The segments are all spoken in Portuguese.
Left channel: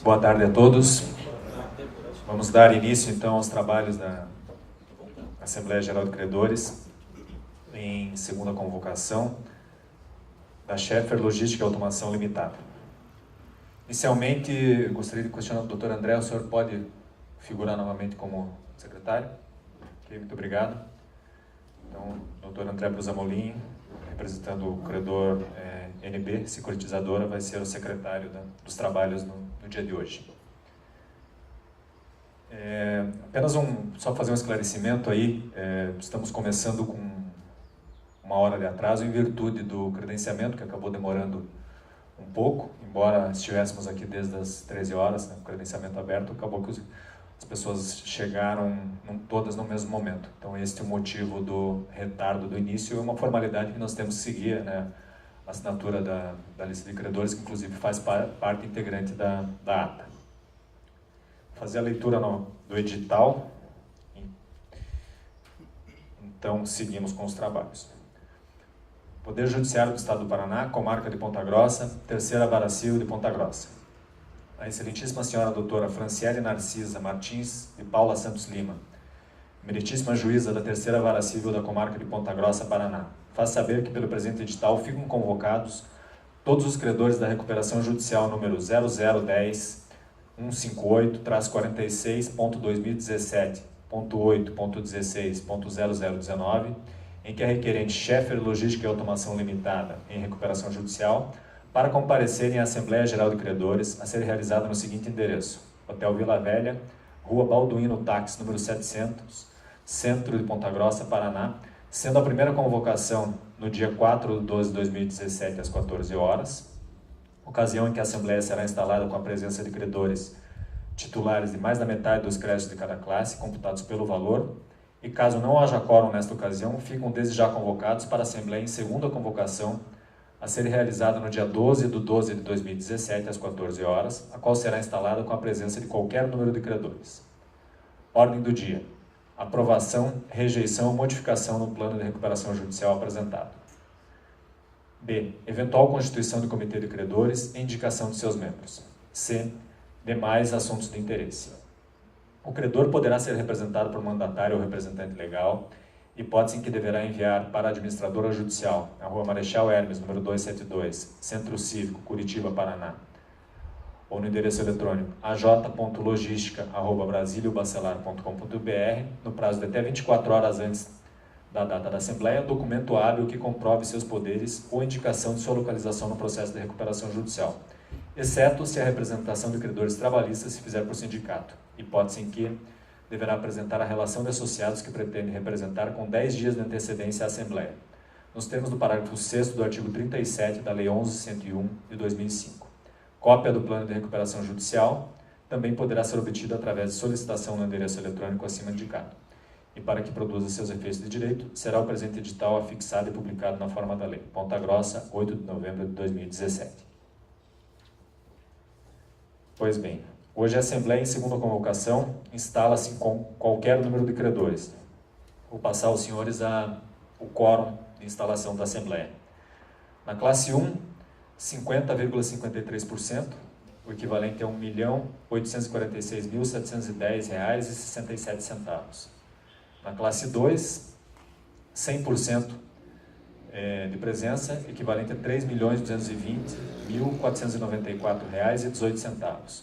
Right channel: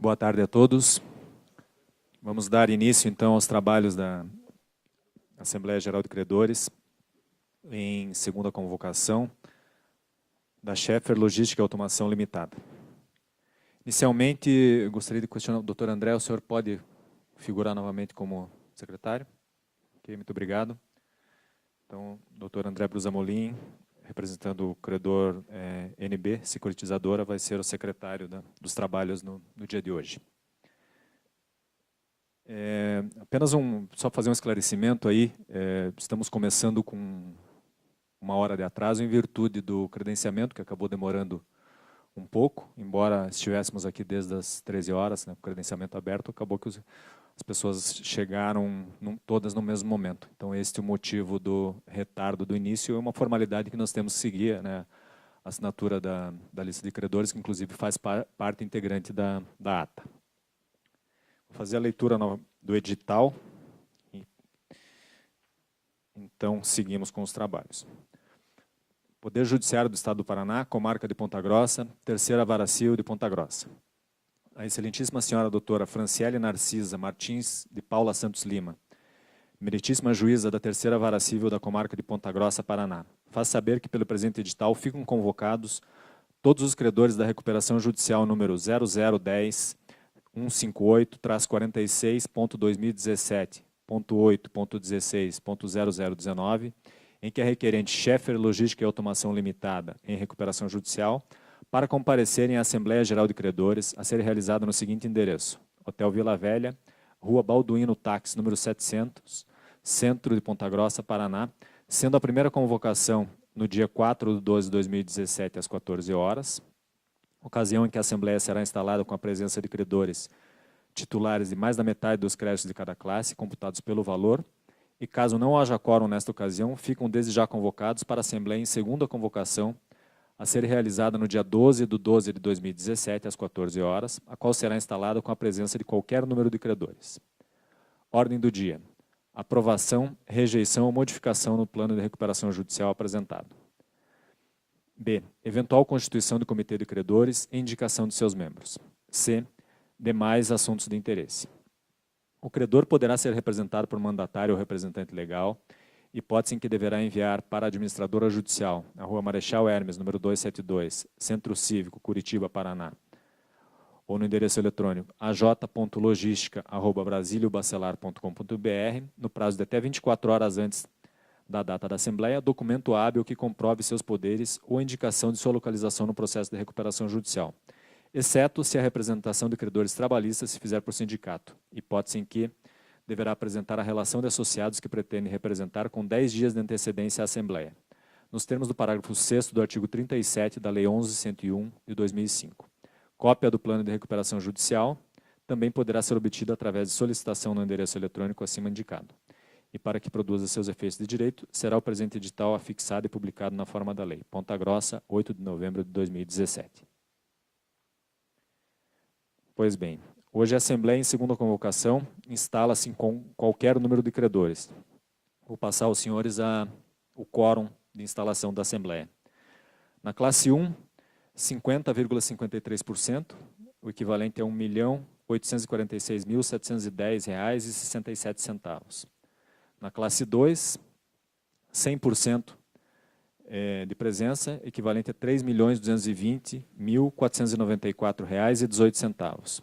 Boa tarde a todos. Vamos dar início, então, aos trabalhos da Assembleia Geral de Credores, em segunda convocação, da Schaeffer Logística e Automação Limitada. Inicialmente, gostaria de questionar o Dr. André, o senhor pode figurar novamente como secretário? Ok, muito obrigado. Então, Dr. André Brusamolin, representando o credor NB, securitizadora, vai ser o secretário dos trabalhos no dia de hoje. Apenas só fazer um esclarecimento aí, estamos começando com uma hora de atraso em virtude do credenciamento, que acabou demorando um pouco, embora estivéssemos aqui desde as 13 horas, né, com o credenciamento aberto, acabou que as pessoas chegaram todas no mesmo momento. Então, este é o motivo do retardo do início e uma formalidade que nós temos que seguir, né, a assinatura da lista de credores, que inclusive faz parte integrante da ata. Fazer a leitura do edital. Então, seguimos com os trabalhos. Poder Judiciário do Estado do Paraná, Comarca de Ponta Grossa, Terceira Vara Civil de Ponta Grossa. A excelentíssima senhora doutora Franciele Narcisa Martins de Paula Santos Lima, meritíssima juíza da Terceira Vara Civil da Comarca de Ponta Grossa, Paraná, faz saber que pelo presente edital ficam convocados todos os credores da recuperação judicial número 0010 158-46.2017.8.16.0019, em que a requerente Schaeffer Logística e Automação Limitada, em recuperação judicial, para comparecerem à Assembleia Geral de Credores, a ser realizada no seguinte endereço: Hotel Vila Velha, Rua Balduino Táxi, número 700, Centro de Ponta Grossa, Paraná, sendo a primeira convocação no dia 4/12/2017, às 14 horas, ocasião em que a Assembleia será instalada com a presença de credores titulares de mais da metade dos créditos de cada classe, computados pelo valor, e caso não haja quórum nesta ocasião, ficam desde já convocados para a Assembleia em segunda convocação, a ser realizada no dia 12/12/2017, às 14 horas, a qual será instalada com a presença de qualquer número de credores. Ordem do dia: aprovação, rejeição ou modificação no plano de recuperação judicial apresentado. B. Eventual constituição do Comitê de Credores e indicação de seus membros. C. Demais assuntos de interesse. O credor poderá ser representado por mandatário ou representante legal, hipótese em que deverá enviar para a administradora judicial, na Rua Marechal Hermes, número 272, Centro Cívico, Curitiba, Paraná, ou no endereço eletrônico aj.logistica@brasiliobacelar.com.br, no prazo de até 24 horas antes da data da Assembleia, documento hábil que comprove seus poderes ou indicação de sua localização no processo de recuperação judicial, exceto se a representação de credores trabalhistas se fizer por sindicato, hipótese em que deverá apresentar a relação de associados que pretende representar com 10 dias de antecedência à Assembleia, nos termos do parágrafo 6º do artigo 37 da Lei 11.101 de 2005. Cópia do plano de recuperação judicial também poderá ser obtida através de solicitação no endereço eletrônico acima indicado. E para que produza seus efeitos de direito, será o presente edital afixado e publicado na forma da lei. Ponta Grossa, 8 de novembro de 2017. Pois bem, hoje a Assembleia, em segunda convocação, instala-se com qualquer número de credores. Vou passar aos senhores o quórum de instalação da Assembleia. Na classe 1, 50,53%, o equivalente a R$ 1.846.710,67. Na classe 2, 100% de presença, equivalente a R$ 3.220.494,18.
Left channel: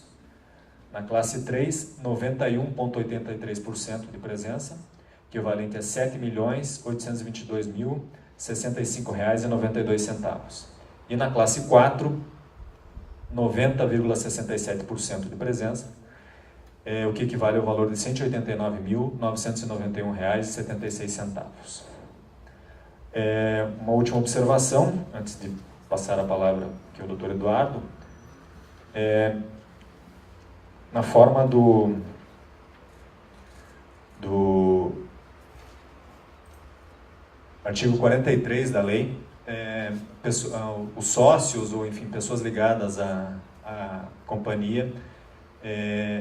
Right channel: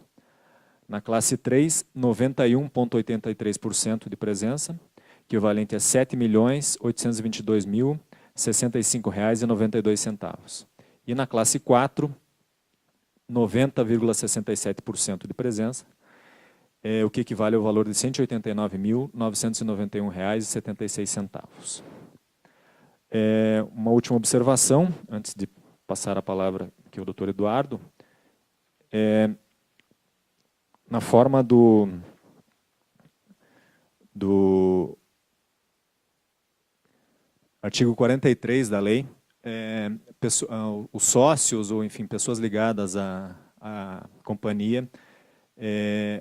Na classe 3, 91,83% de presença, equivalente a R$ 7.822.065,92. E na classe 4, 90,67% de presença, o que equivale ao valor de R$ 189.991,76. Uma última observação, antes de passar a palavra aqui ao Dr. Eduardo. Na forma do artigo 43 da lei, os sócios, ou enfim, pessoas ligadas à companhia,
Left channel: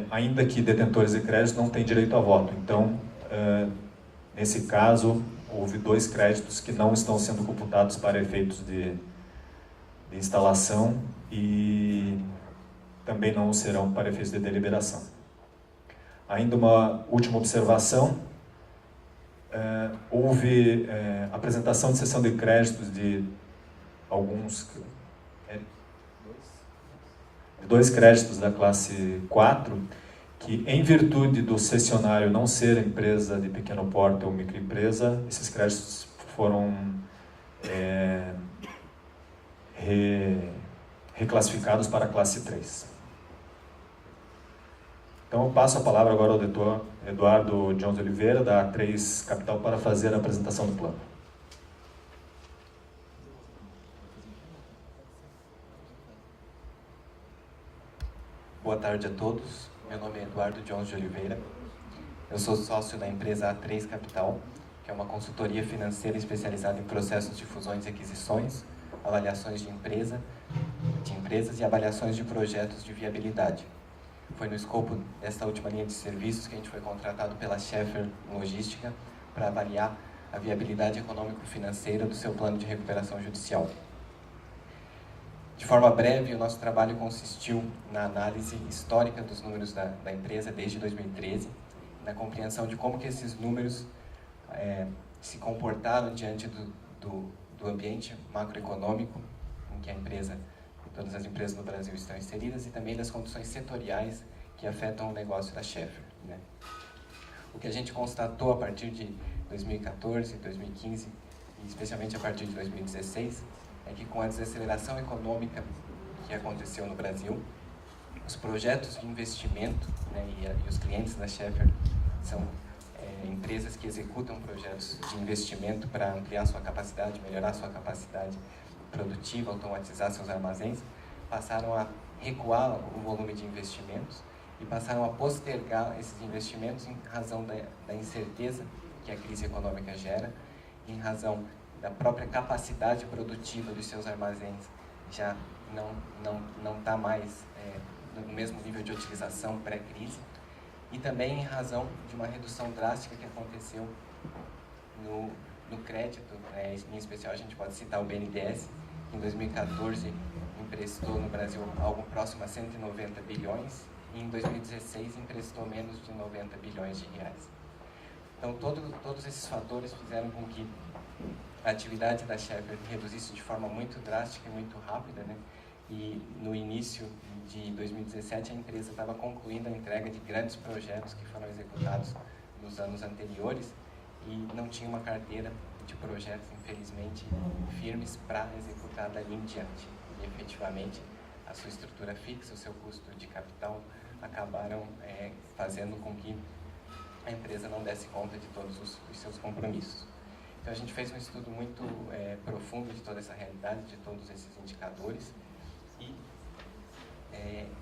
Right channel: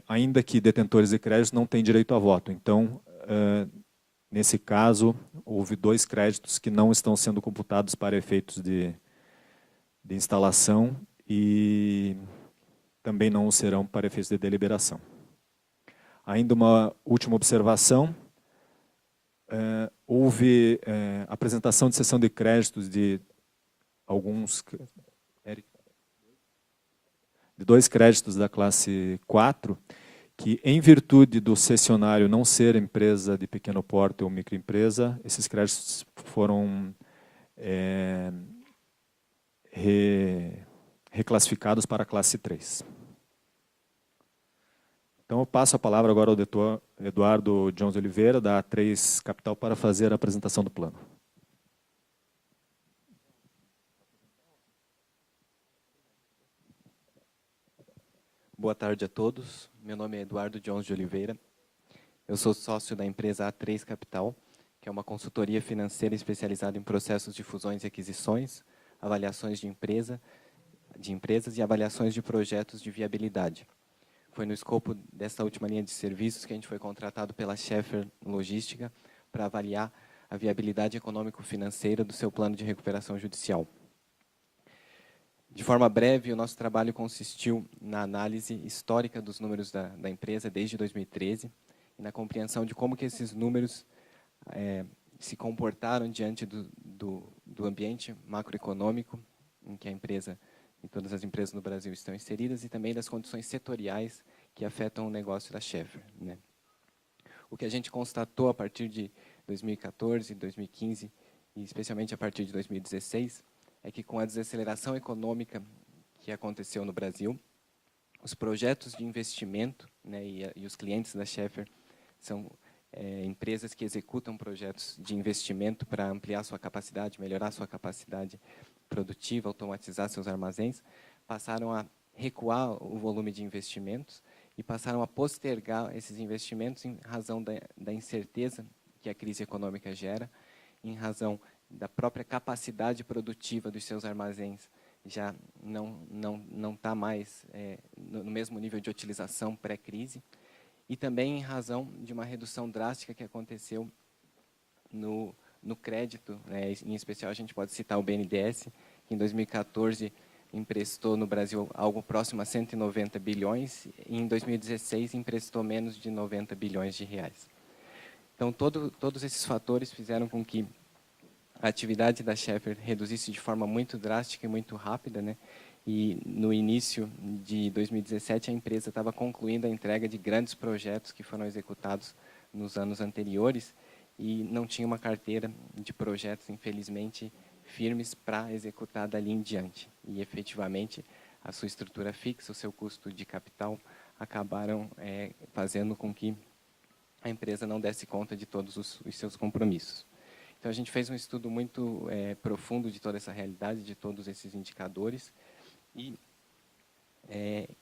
ainda que detentores de créditos, não têm direito a voto. Então, nesse caso, houve 2 créditos que não estão sendo computados para efeitos de instalação e também não o serão para efeitos de deliberação. Ainda uma última observação. Houve apresentação de cessão de créditos de dois créditos da classe 4, que, em virtude do cessionário não ser empresa de pequeno porte ou microempresa, esses créditos foram reclassificados para a classe 3. Então, eu passo a palavra agora ao doutor Eduardo Jones de Oliveira, da A3 Capital, para fazer a apresentação do plano. Boa tarde a todos. Meu nome é Eduardo Jones de Oliveira. Eu sou sócio da empresa A3 Capital, que é uma consultoria financeira especializada em processos de fusões e aquisições, avaliações de empresas e avaliações de projetos de viabilidade. Foi no escopo dessa última linha de serviços que a gente foi contratado pela Schaeffer Logística para avaliar a viabilidade econômico-financeira do seu plano de recuperação judicial. De forma breve, o nosso trabalho consistiu na análise histórica dos números da empresa desde 2013, na compreensão de como que esses números se comportaram diante do ambiente macroeconômico em que a empresa e todas as empresas no Brasil estão inseridas, e também das condições setoriais que afetam o negócio da Schaeffer, né? O que a gente constatou a partir de 2014, 2015 e especialmente a partir de 2016 é que, com a desaceleração econômica que aconteceu no Brasil, os projetos de investimento, né, e os clientes da Schaeffer são empresas que executam projetos de investimento para ampliar sua capacidade, melhorar sua capacidade produtiva, automatizar seus armazéns, passaram a recuar o volume de investimentos e passaram a postergar esses investimentos em razão da incerteza que a crise econômica gera, em razão da própria capacidade produtiva dos seus armazéns já não está mais no mesmo nível de utilização pré-crise, e também em razão de uma redução drástica que aconteceu no crédito, né? Em especial a gente pode citar o BNDES, que em 2014 emprestou no Brasil algo próximo a 190 bilhões e em 2016 emprestou menos de 90 bilhões de reais. Então todos esses fatores fizeram com que a atividade da Schaeffer reduzisse de forma muito drástica e muito rápida, né? E no início de 2017 a empresa estava concluindo a entrega de grandes projetos que foram executados nos anos anteriores e não tinha uma carteira de projetos, infelizmente, firmes para executar dali em diante. E efetivamente a sua estrutura fixa, o seu custo de capital acabaram fazendo com que a empresa não desse conta de todos os seus compromissos. Então a gente fez um estudo muito profundo de toda essa realidade, de todos esses indicadores, e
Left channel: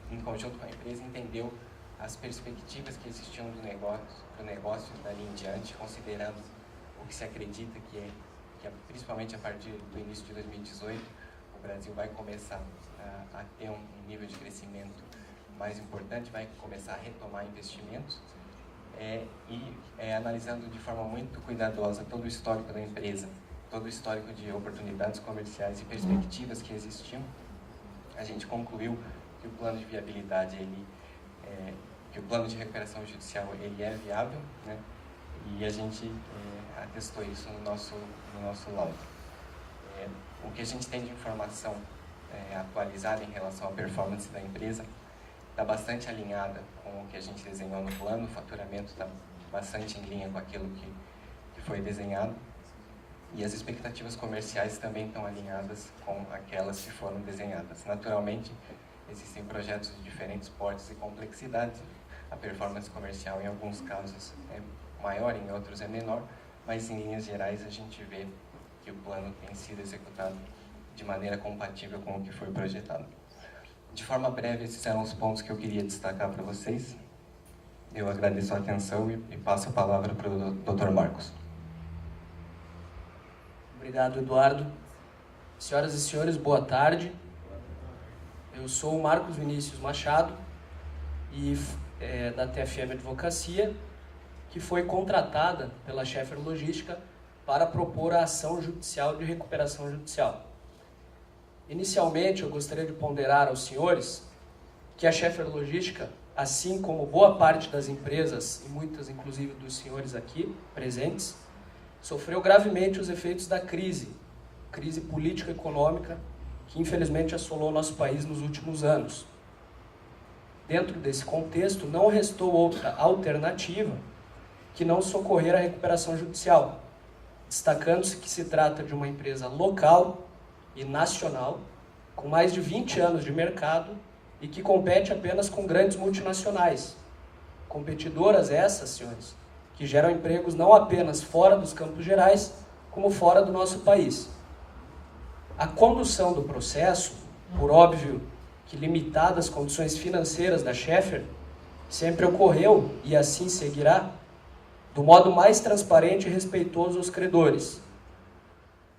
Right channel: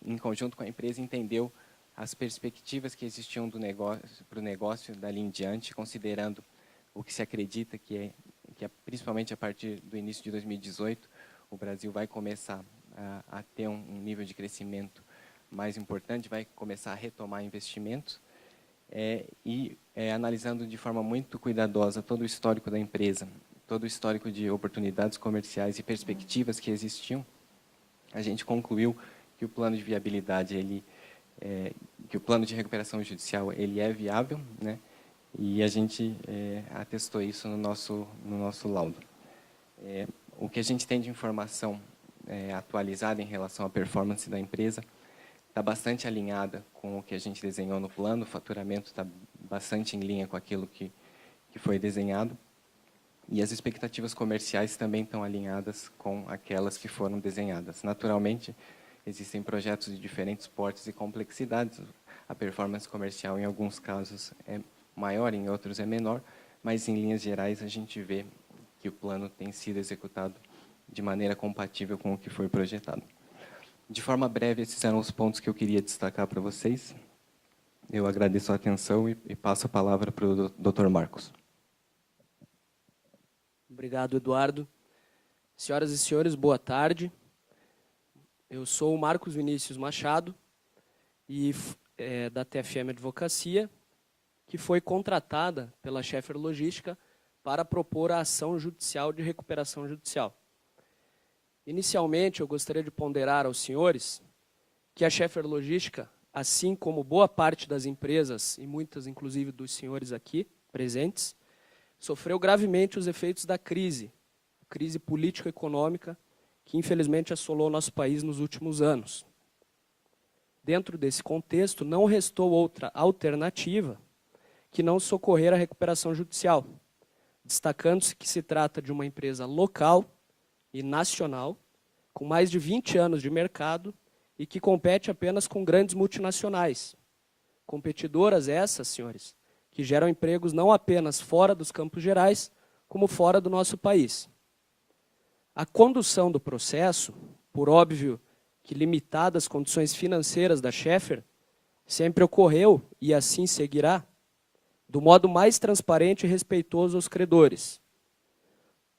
em conjunto com a empresa entendeu as perspectivas que existiam do negócio dali em diante, considerando o que se acredita que principalmente a partir do início de 2018 o Brasil vai começar a ter um nível de crescimento mais importante, vai começar a retomar investimentos, analisando de forma muito cuidadosa todo o histórico da empresa, todo o histórico de oportunidades comerciais e perspectivas que existiam, a gente concluiu que o plano de viabilidade, que o plano de recuperação judicial ele é viável, né? E a gente atestou isso no nosso laudo. O que a gente tem de informação atualizada em relação à performance da empresa está bastante alinhada com o que a gente desenhou no plano, o faturamento está bastante em linha com aquilo que foi desenhado, e as expectativas comerciais também estão alinhadas com aquelas que foram desenhadas. Naturalmente, existem projetos de diferentes portes e complexidades, a performance comercial em alguns casos é maior, em outros é menor, mas em linhas gerais a gente vê que o plano tem sido executado de maneira compatível com o que foi projetado. De forma breve, esses eram os pontos que eu queria destacar para vocês. Eu agradeço a atenção e passo a palavra para o Dr. Marcos. Obrigado, Eduardo. Senhoras e senhores, boa tarde. Eu sou o Marcos Vinícius Machado, e da TFM Advocacia, que foi contratada pela Schaeffer Logística para propor a ação judicial de recuperação judicial. Inicialmente, eu gostaria de ponderar aos senhores que a Schaeffer Logística, assim como boa parte das empresas, e muitas inclusive dos senhores aqui presentes, sofreu gravemente os efeitos da crise político-econômica, que infelizmente assolou o nosso país nos últimos anos. Dentro desse contexto, não restou outra alternativa que não socorrer a recuperação judicial, destacando-se que se trata de uma empresa local e nacional, com mais de 20 anos de mercado e que compete apenas com grandes multinacionais. Competidoras essas, senhores, que geram empregos não apenas fora dos Campos Gerais, como fora do nosso país. A condução do processo, por óbvio que limitadas condições financeiras da Schaeffer, sempre ocorreu, e assim seguirá, do modo mais transparente e respeitoso aos credores.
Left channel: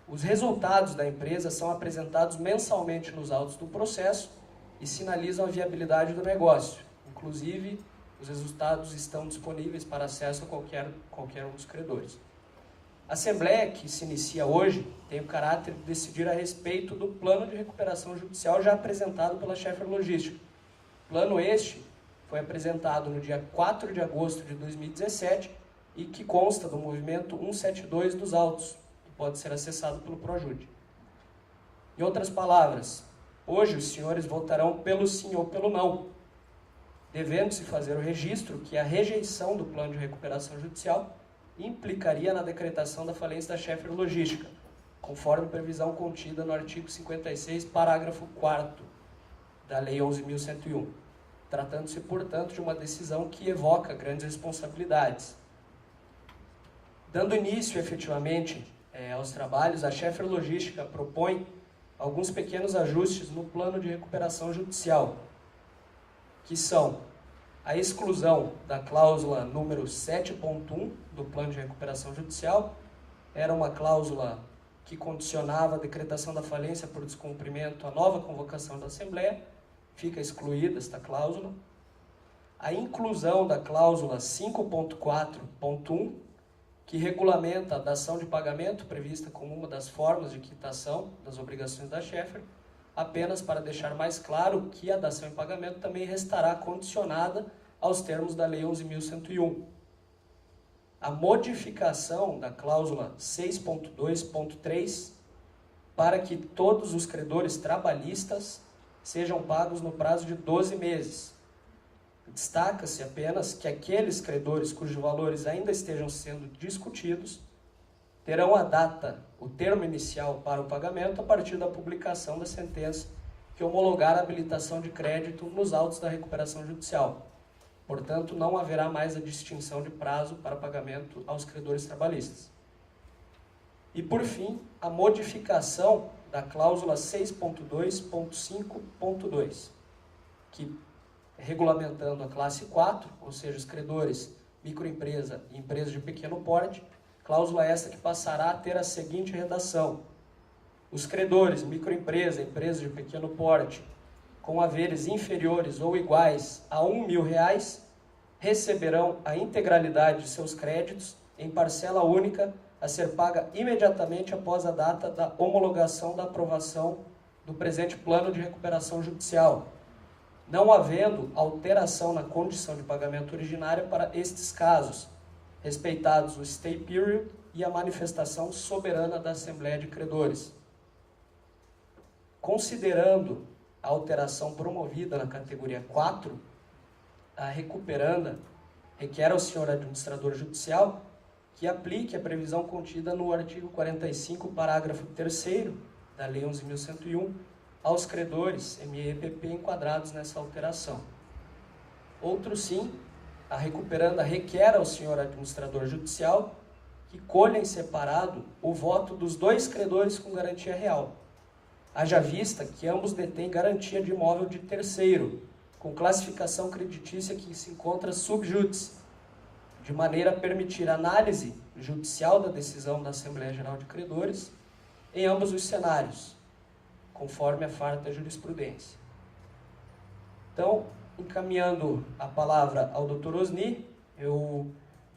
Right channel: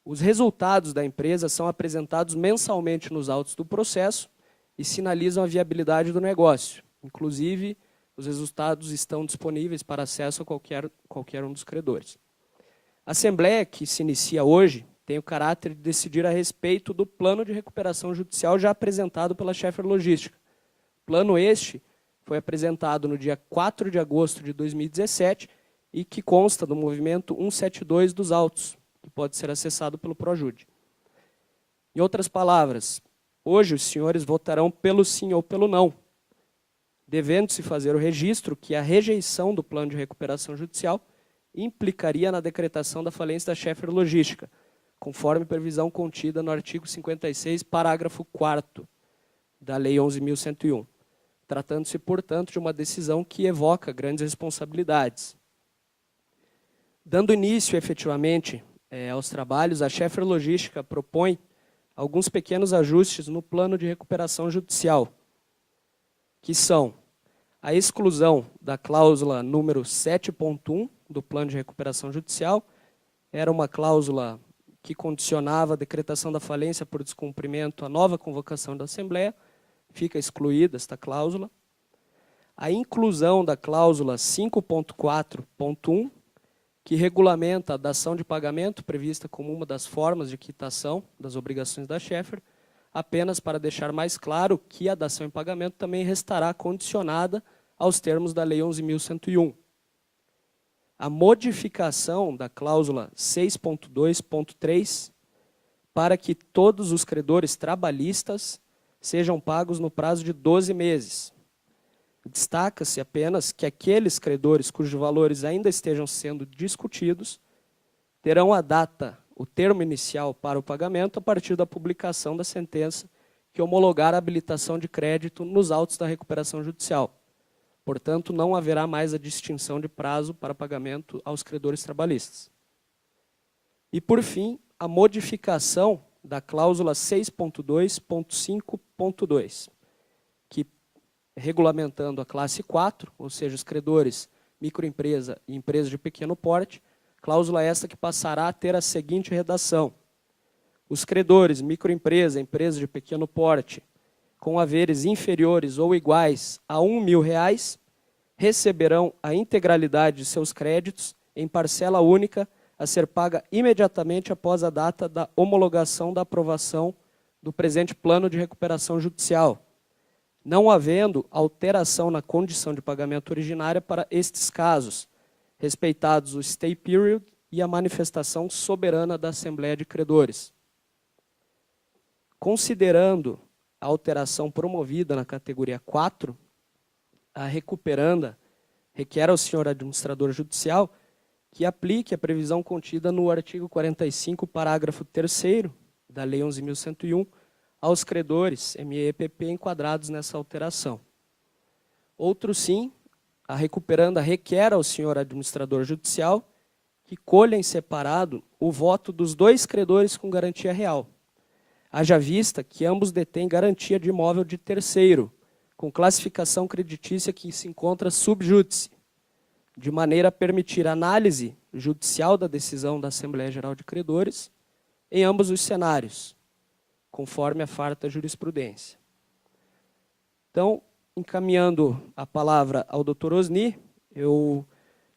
Os resultados da empresa são apresentados mensalmente nos autos do processo e sinalizam a viabilidade do negócio. Inclusive, os resultados estão disponíveis para acesso a qualquer um dos credores. A Assembleia, que se inicia hoje, tem o caráter de decidir a respeito do plano de recuperação judicial já apresentado pela Schaeffer Logística. Plano este foi apresentado no dia 4 de agosto de 2017 e que consta do movimento 172 dos autos, que pode ser acessado pelo Projude. Em outras palavras, hoje os senhores votarão pelo sim ou pelo não, devendo-se fazer o registro que a rejeição do plano de recuperação judicial implicaria na decretação da falência da Schaeffer Logística, conforme previsão contida no artigo 56, parágrafo 4º da Lei 11.101, tratando-se, portanto, de uma decisão que evoca grandes responsabilidades. Dando início, efetivamente, aos trabalhos, a Schaeffer Logística propõe alguns pequenos ajustes no plano de recuperação judicial, que são a exclusão da cláusula número 7.1 do plano de recuperação judicial. Era uma cláusula que condicionava a decretação da falência por descumprimento à nova convocação da Assembleia, fica excluída esta cláusula. A inclusão da cláusula 5.4.1, que regulamenta a dação de pagamento prevista como uma das formas de quitação das obrigações da Schaeffer, apenas para deixar mais claro que a dação em pagamento também restará condicionada aos termos da Lei 11.101. A modificação da cláusula 6.2.3 para que todos os credores trabalhistas sejam pagos no prazo de 12 meses. Destaca-se apenas que aqueles credores cujos valores ainda estejam sendo discutidos terão a data, o termo inicial para o pagamento a partir da publicação da sentença que homologar a habilitação de crédito nos autos da recuperação judicial. Portanto, não haverá mais a distinção de prazo para pagamento aos credores trabalhistas. E, por fim, a modificação da cláusula 6.2.5.2, que, regulamentando a classe 4, ou seja, os credores microempresa e empresa de pequeno porte, cláusula esta que passará a ter a seguinte redação: os credores microempresa e empresa de pequeno porte com haveres inferiores ou iguais a R$1.000 receberão a integralidade de seus créditos em parcela única a ser paga imediatamente após a data da homologação da aprovação do presente plano de recuperação judicial, não havendo alteração na condição de pagamento originária para estes casos, respeitados o stay period e a manifestação soberana da Assembleia de Credores. Considerando a alteração promovida na categoria 4, a recuperanda requer ao senhor administrador judicial que aplique a previsão contida no artigo 45, parágrafo 3º da Lei 11.101 aos credores ME e EPP enquadrados nessa alteração. Outro sim, a recuperanda requer ao senhor administrador judicial que colha em separado o voto dos dois credores com garantia real, haja vista que ambos detêm garantia de imóvel de terceiro, com classificação creditícia que se encontra sub judice, de maneira a permitir análise judicial da decisão da Assembleia Geral de Credores em ambos os cenários, conforme a farta jurisprudência. Então, encaminhando a palavra ao Dr. Osni,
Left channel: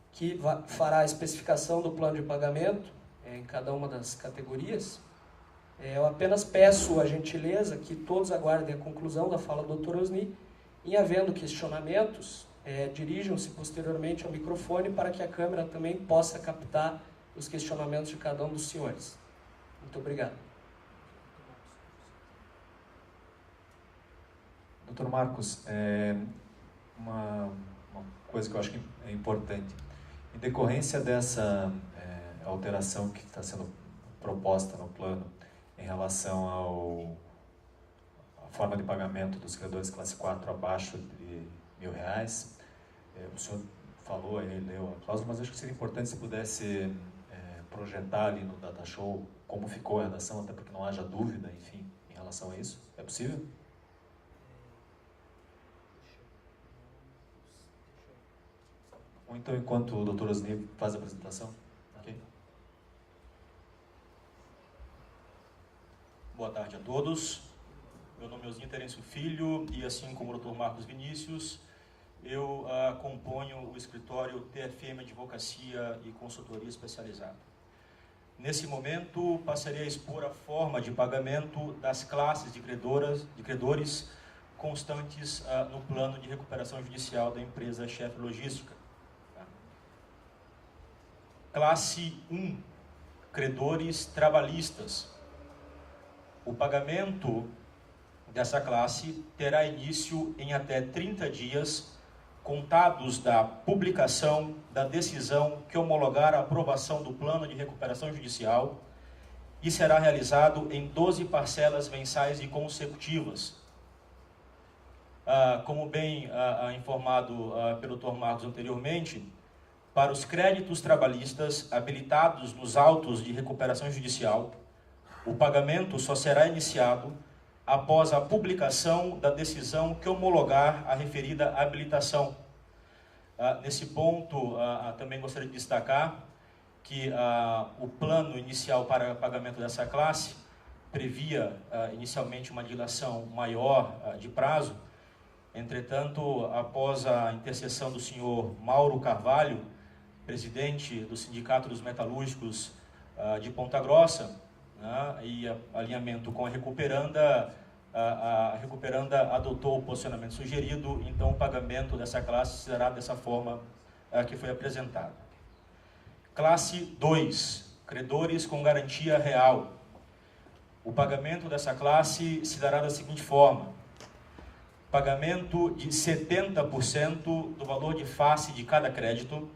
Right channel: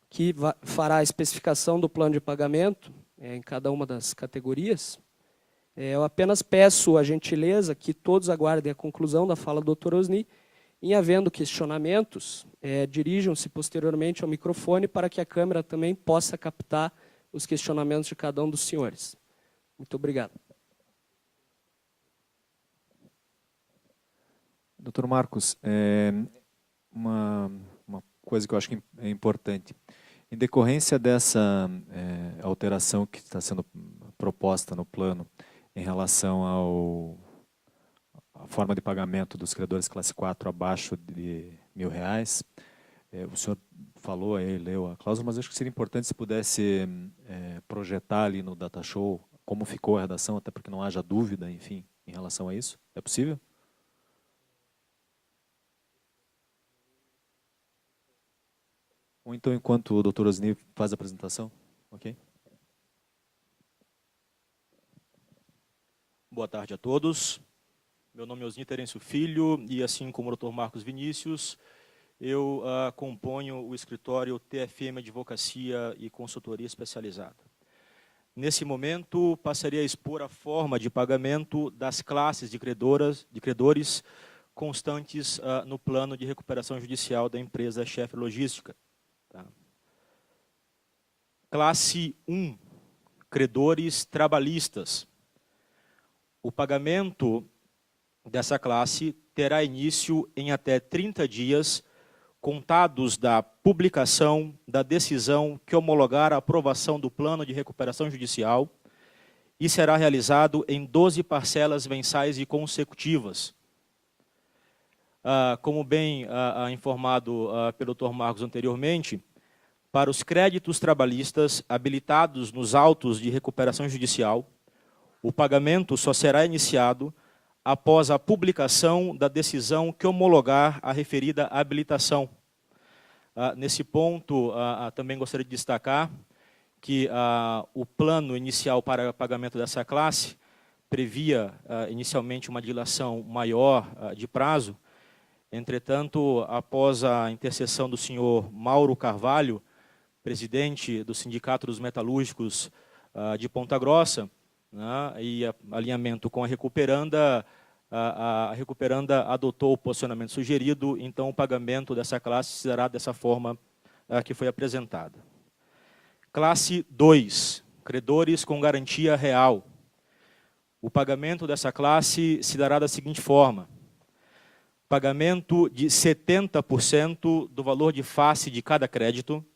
que fará a especificação do plano de pagamento em cada uma das categorias. Eu apenas peço a gentileza que todos aguardem a conclusão da fala do Dr. Osni Em havendo questionamentos, dirijam-se posteriormente ao microfone para que a câmera também possa captar os questionamentos de cada um dos senhores. Muito obrigado. Doutor Marcos, uma coisa que eu acho que é importante. Em decorrência dessa alteração que está sendo proposta no plano em relação à forma de pagamento dos credores classe 4 abaixo de R$ 1.000, o senhor falou aí, leu a cláusula, mas acho que seria importante se pudesse projetar ali no data show como ficou a redação, até para que não haja dúvida, enfim, em relação a isso. É possível? Ou então, enquanto o doutor Osni faz a apresentação? Ok? Boa tarde a todos. Meu nome é Osni Terêncio Filho e, assim como o Dr. Marcos Vinícius, eu componho o escritório TFM Advocacia e Consultoria Especializada. Nesse momento, passarei a expor a forma de pagamento das classes de credores constantes no plano de recuperação judicial da empresa Schaeffer Logística. Classe 1, credores trabalhistas. O pagamento dessa classe terá início em até 30 dias, contados da publicação da decisão que homologar a aprovação do plano de recuperação judicial e será realizado em 12 parcelas mensais e consecutivas. Como bem informado pelo Dr. Marcos anteriormente, para os créditos trabalhistas habilitados nos autos de recuperação judicial, o pagamento só será iniciado após a publicação da decisão que homologar a referida habilitação. Nesse ponto, também gostaria de destacar que o plano inicial para pagamento dessa classe previa inicialmente uma dilação maior de prazo. Entretanto, após a intercessão do senhor Mauro Carvalho, presidente do Sindicato dos Metalúrgicos de Ponta Grossa, né, e alinhamento com a recuperanda adotou o posicionamento sugerido, então o pagamento dessa classe será dessa forma que foi apresentada. Classe 2, credores com garantia real. O pagamento dessa classe se dará da seguinte forma: pagamento de 70% do valor de face de cada crédito,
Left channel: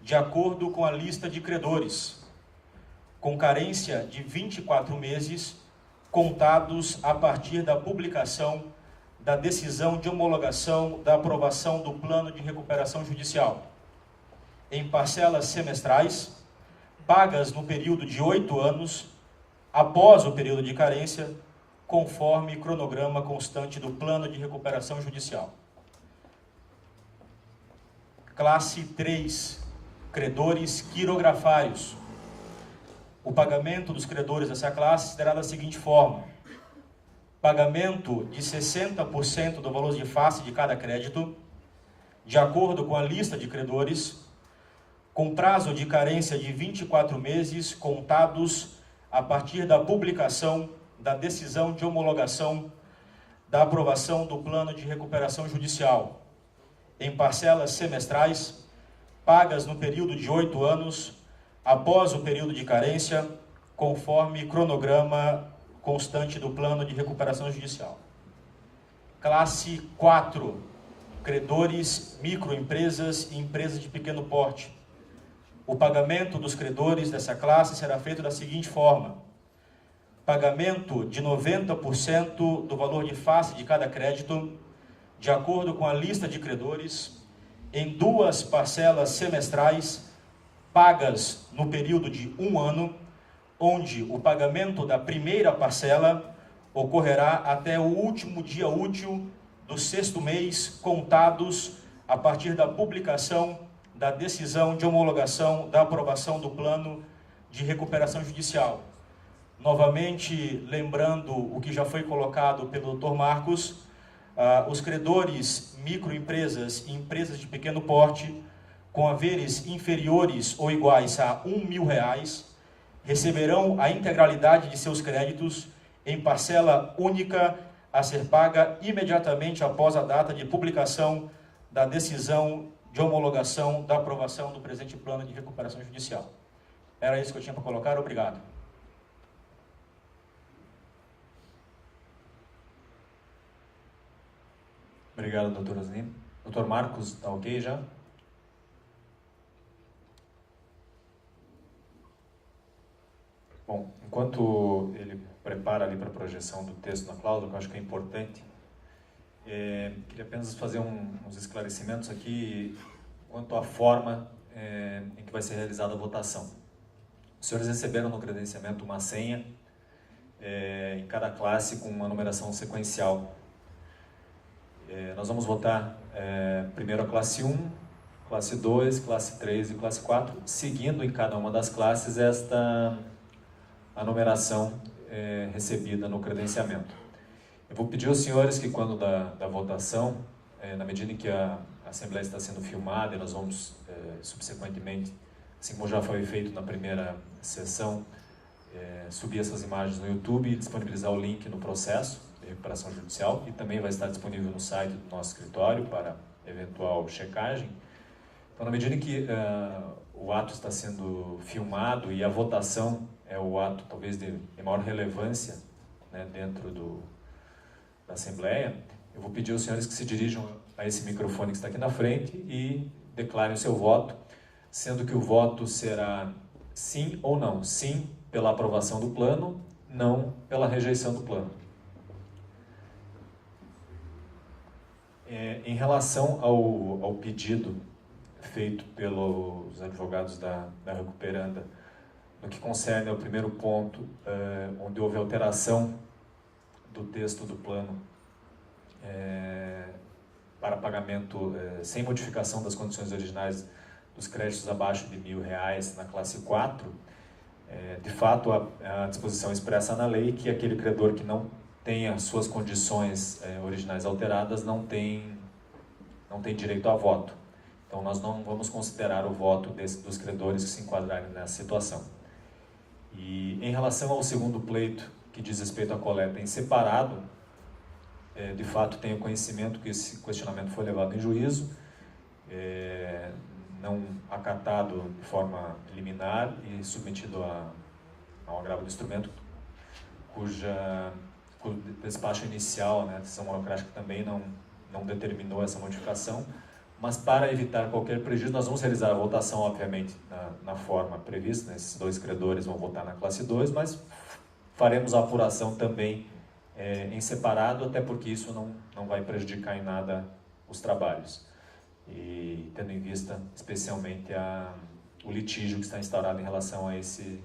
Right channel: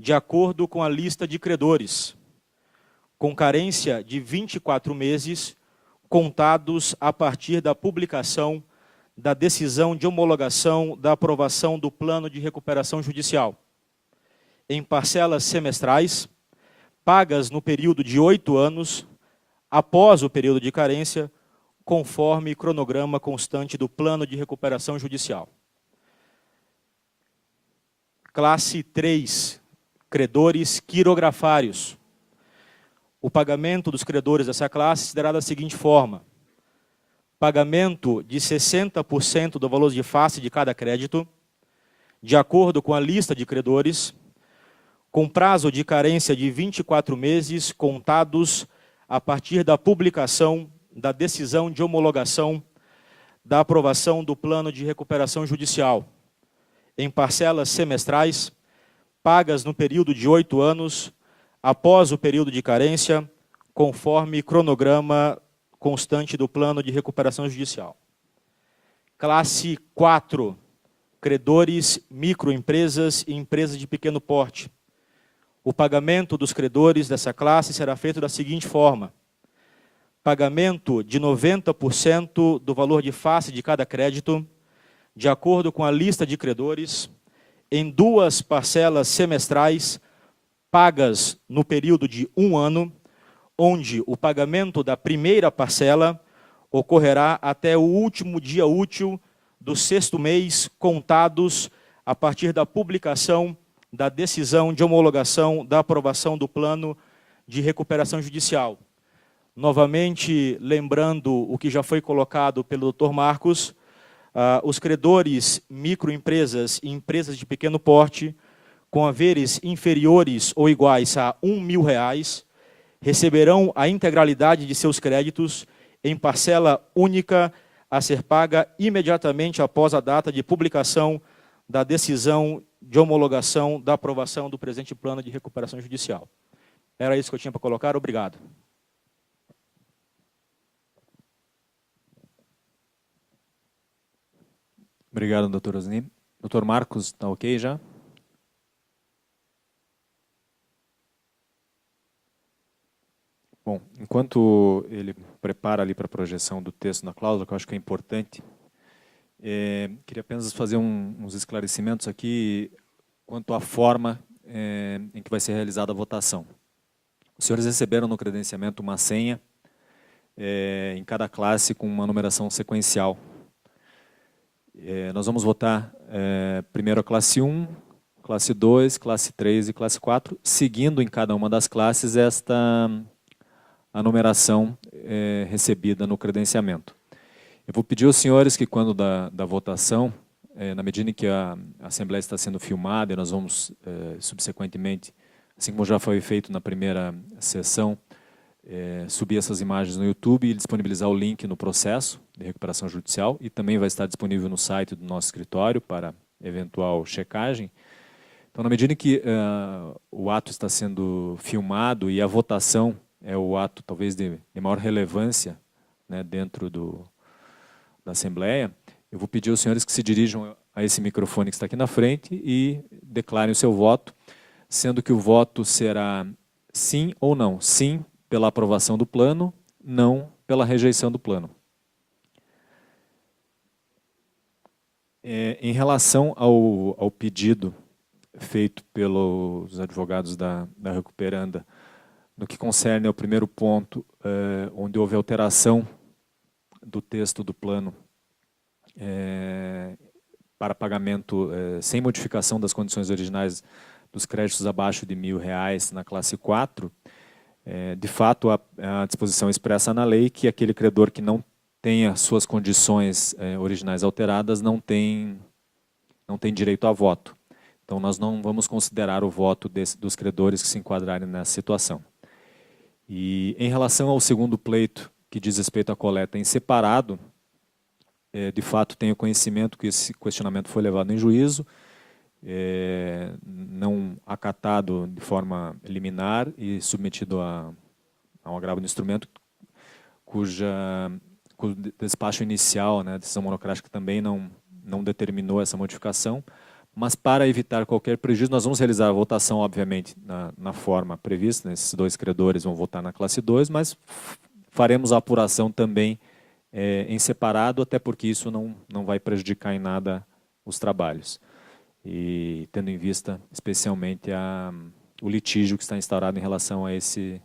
de acordo com a lista de credores, com carência de 24 meses, contados a partir da publicação da decisão de homologação da aprovação do plano de recuperação judicial, em parcelas semestrais, pagas no período de 8 anos, após o período de carência, conforme cronograma constante do plano de recuperação judicial. Classe 3, credores quirografários. O pagamento dos credores dessa classe se dará da seguinte forma: pagamento de 60% do valor de face de cada crédito, de acordo com a lista de credores, com prazo de carência de 24 meses, contados a partir da publicação da decisão de homologação da aprovação do plano de recuperação judicial, em parcelas semestrais, pagas no período de 8 anos, após o período de carência, conforme cronograma constante do plano de recuperação judicial. Classe 4, credores, microempresas e empresas de pequeno porte. O pagamento dos credores dessa classe será feito da seguinte forma: pagamento de 90% do valor de face de cada crédito, de acordo com a lista de credores, em 2 parcelas semestrais, pagas no período de 1 ano, onde o pagamento da primeira parcela ocorrerá até o último dia útil do 6º mês, contados a partir da publicação da decisão de homologação da aprovação do plano de recuperação judicial. Novamente, lembrando o que já foi colocado pelo Dr. Marcos, os credores, microempresas e empresas de pequeno porte, com haveres inferiores ou iguais a R$1.000, receberão a integralidade de seus créditos em parcela única a ser paga imediatamente após a data de publicação da decisão de homologação da aprovação do presente plano de recuperação judicial. Era isso que eu tinha para colocar. Obrigado. Obrigado, doutor Osni. Doutor Marcos, está ok já? Bom, enquanto ele prepara ali para a projeção do texto na cláusula, que eu acho que é importante, queria apenas fazer uns esclarecimentos aqui quanto à forma em que vai ser realizada a votação. Os senhores receberam no credenciamento uma senha em cada classe com uma numeração sequencial. Nós vamos votar primeiro a classe 1, classe 2, classe 3 e classe 4, seguindo em cada uma das classes a numeração recebida no credenciamento. Eu vou pedir aos senhores que, quando da votação, na medida em que a Assembleia está sendo filmada, e nós vamos, subsequentemente, assim como já foi feito na primeira sessão, subir essas imagens no YouTube e disponibilizar o link no processo de recuperação judicial, e também vai estar disponível no site do nosso escritório para eventual checagem. Então, na medida em que o ato está sendo filmado e a votação é o ato talvez de maior relevância, né, dentro da Assembleia, eu vou pedir aos senhores que se dirijam a esse microfone que está aqui na frente e declarem o seu voto, sendo que o voto será sim ou não. Sim pela aprovação do plano, não pela rejeição do plano. Em relação ao pedido feito pelos advogados da recuperanda, no que concerne ao primeiro ponto, onde houve alteração do texto do plano para pagamento sem modificação das condições originais dos créditos abaixo de R$1.000 na classe 4, de fato, a disposição expressa na lei que aquele credor que não tenha suas condições originais alteradas não tem direito a voto. Então, nós não vamos considerar o voto dos credores que se enquadrarem nessa situação. E, em relação ao segundo pleito, que diz respeito à coleta em separado, de fato, tenho conhecimento que esse questionamento foi levado em juízo, não acatado de forma liminar e submetido a um agravo do instrumento, cujo despacho inicial, né, a decisão monocrática também não determinou essa modificação, mas para evitar qualquer prejuízo, nós vamos realizar a votação, obviamente, na forma prevista, né, esses dois credores vão votar na classe 2, mas faremos a apuração também em separado, até porque isso não vai prejudicar em nada os trabalhos. E tendo em vista, especialmente, o litígio que está instaurado em relação a esse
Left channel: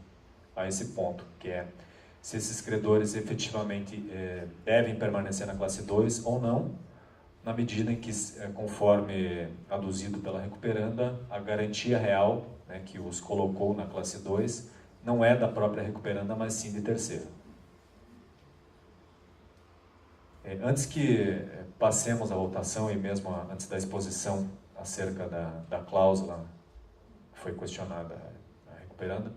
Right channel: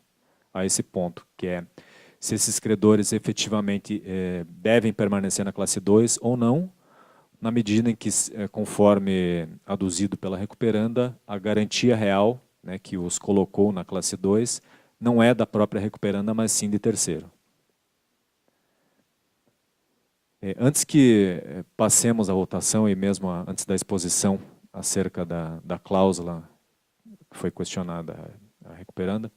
ponto, que é se esses credores efetivamente devem permanecer na classe 2 ou não, na medida em que, conforme aduzido pela recuperanda, a garantia real, né, que os colocou na classe 2 não é da própria recuperanda, mas sim de terceiro. Antes que passemos à votação e mesmo antes da exposição acerca da cláusula que foi questionada a recuperanda,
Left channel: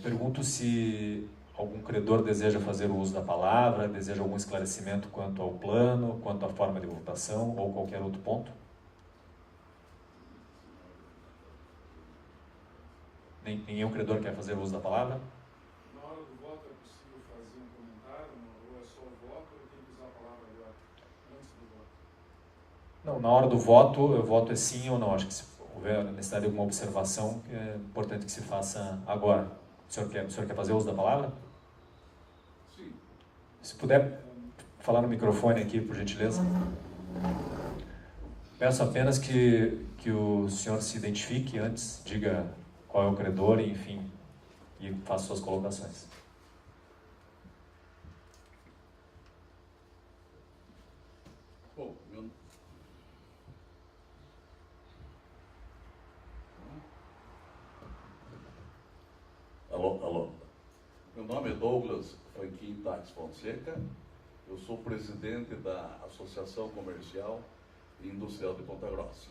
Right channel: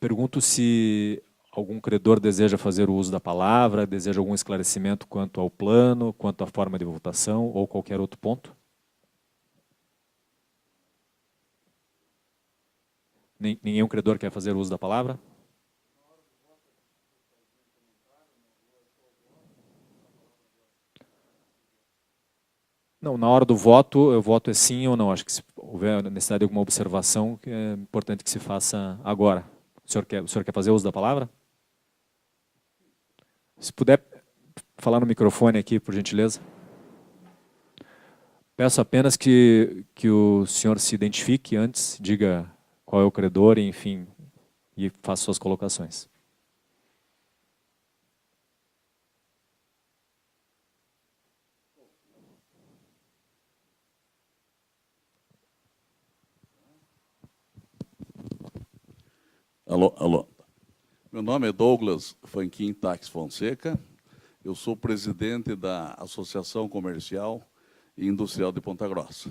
pergunto se algum credor deseja fazer o uso da palavra, deseja algum esclarecimento quanto ao plano, quanto à forma de votação ou qualquer outro ponto? Nenhum credor quer fazer o uso da palavra? Na hora do voto é possível fazer um comentário, ou é só o voto, ou tem que usar a palavra agora, antes do voto? Não, na hora do voto, o voto é sim ou não. Acho que se houver necessidade de alguma observação, é importante que se faça agora. O senhor quer fazer uso da palavra? Sim. Se puder falar no microfone aqui, por gentileza. Peço apenas que o senhor se identifique antes, diga qual é o credor, enfim, e faça suas colocações. Bom, Alô. Meu nome é Douglas Fanquim Tax Fonseca. Eu sou presidente da Associação Comercial e Industrial de Ponta Grossa.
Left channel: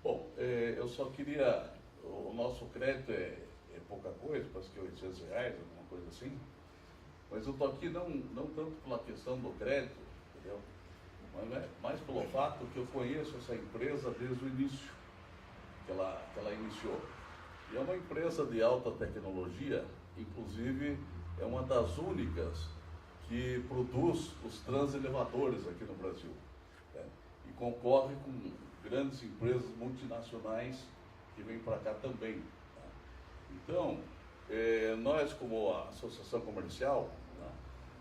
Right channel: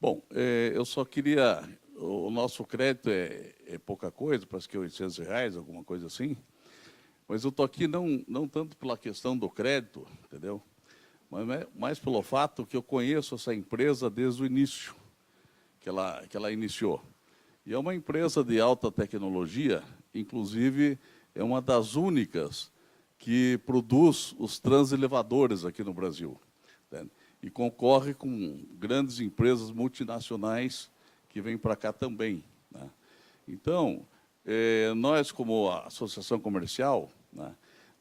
Bom, eu só queria... O nosso crédito é pouca coisa, parece que R$800, alguma coisa assim. Mas eu estou aqui não tanto pela questão do crédito, entendeu? Mas mais pelo fato que eu conheço essa empresa desde o início, que ela iniciou. E é uma empresa de alta tecnologia, inclusive é uma das únicas que produz os transelevadores aqui no Brasil, né? E concorre com grandes empresas multinacionais que vêm para cá também, né? Então, nós, como associação comercial, né,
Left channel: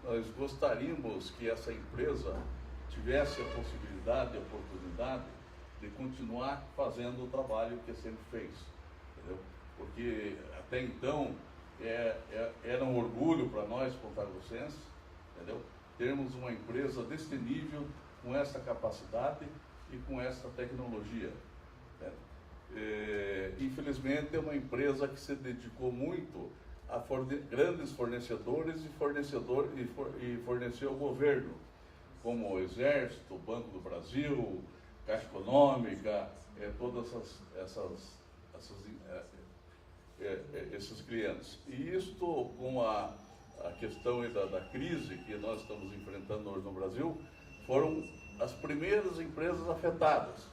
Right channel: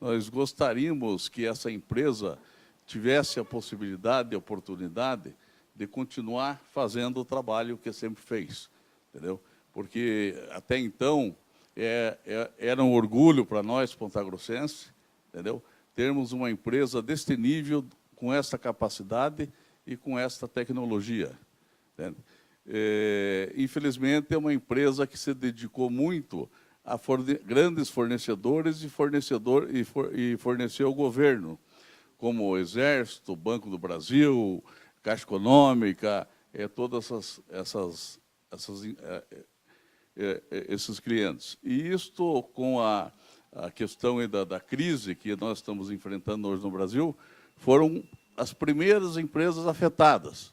nós gostaríamos que essa empresa tivesse a possibilidade, a oportunidade de continuar fazendo o trabalho que sempre fez, entendeu? Porque até então era um orgulho para nós, pontagrossenses, entendeu? Termos uma empresa deste nível, com essa capacidade e com esta tecnologia, entende? Infelizmente, é uma empresa que se dedicou muito a grandes fornecedores e forneceu ao governo, como o Exército, o Banco do Brasil, Caixa Econômica, todas esses clientes. E isto, com a questão da crise que nós estamos enfrentando hoje no Brasil, foram as primeiras empresas afetadas.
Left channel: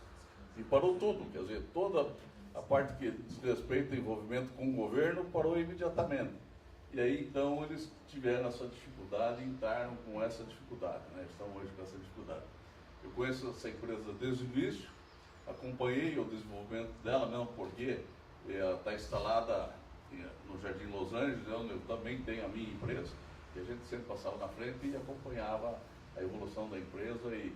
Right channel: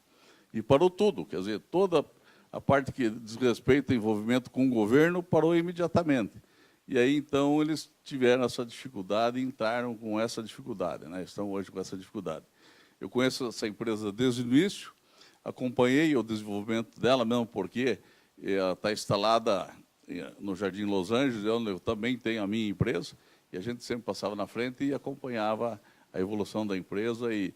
E parou tudo, quer dizer, toda a parte que diz respeito ao envolvimento com o governo parou imediatamente. E aí, então, eles tiveram essa dificuldade e entraram com essa dificuldade, né? Estão hoje com essa dificuldade. Eu conheço essa empresa desde o início, acompanhei o desenvolvimento dela, mesmo porque ela está instalada no Jardim Los Angeles, eu também tenho a minha empresa, e a gente sempre passava na frente e acompanhava a evolução da empresa e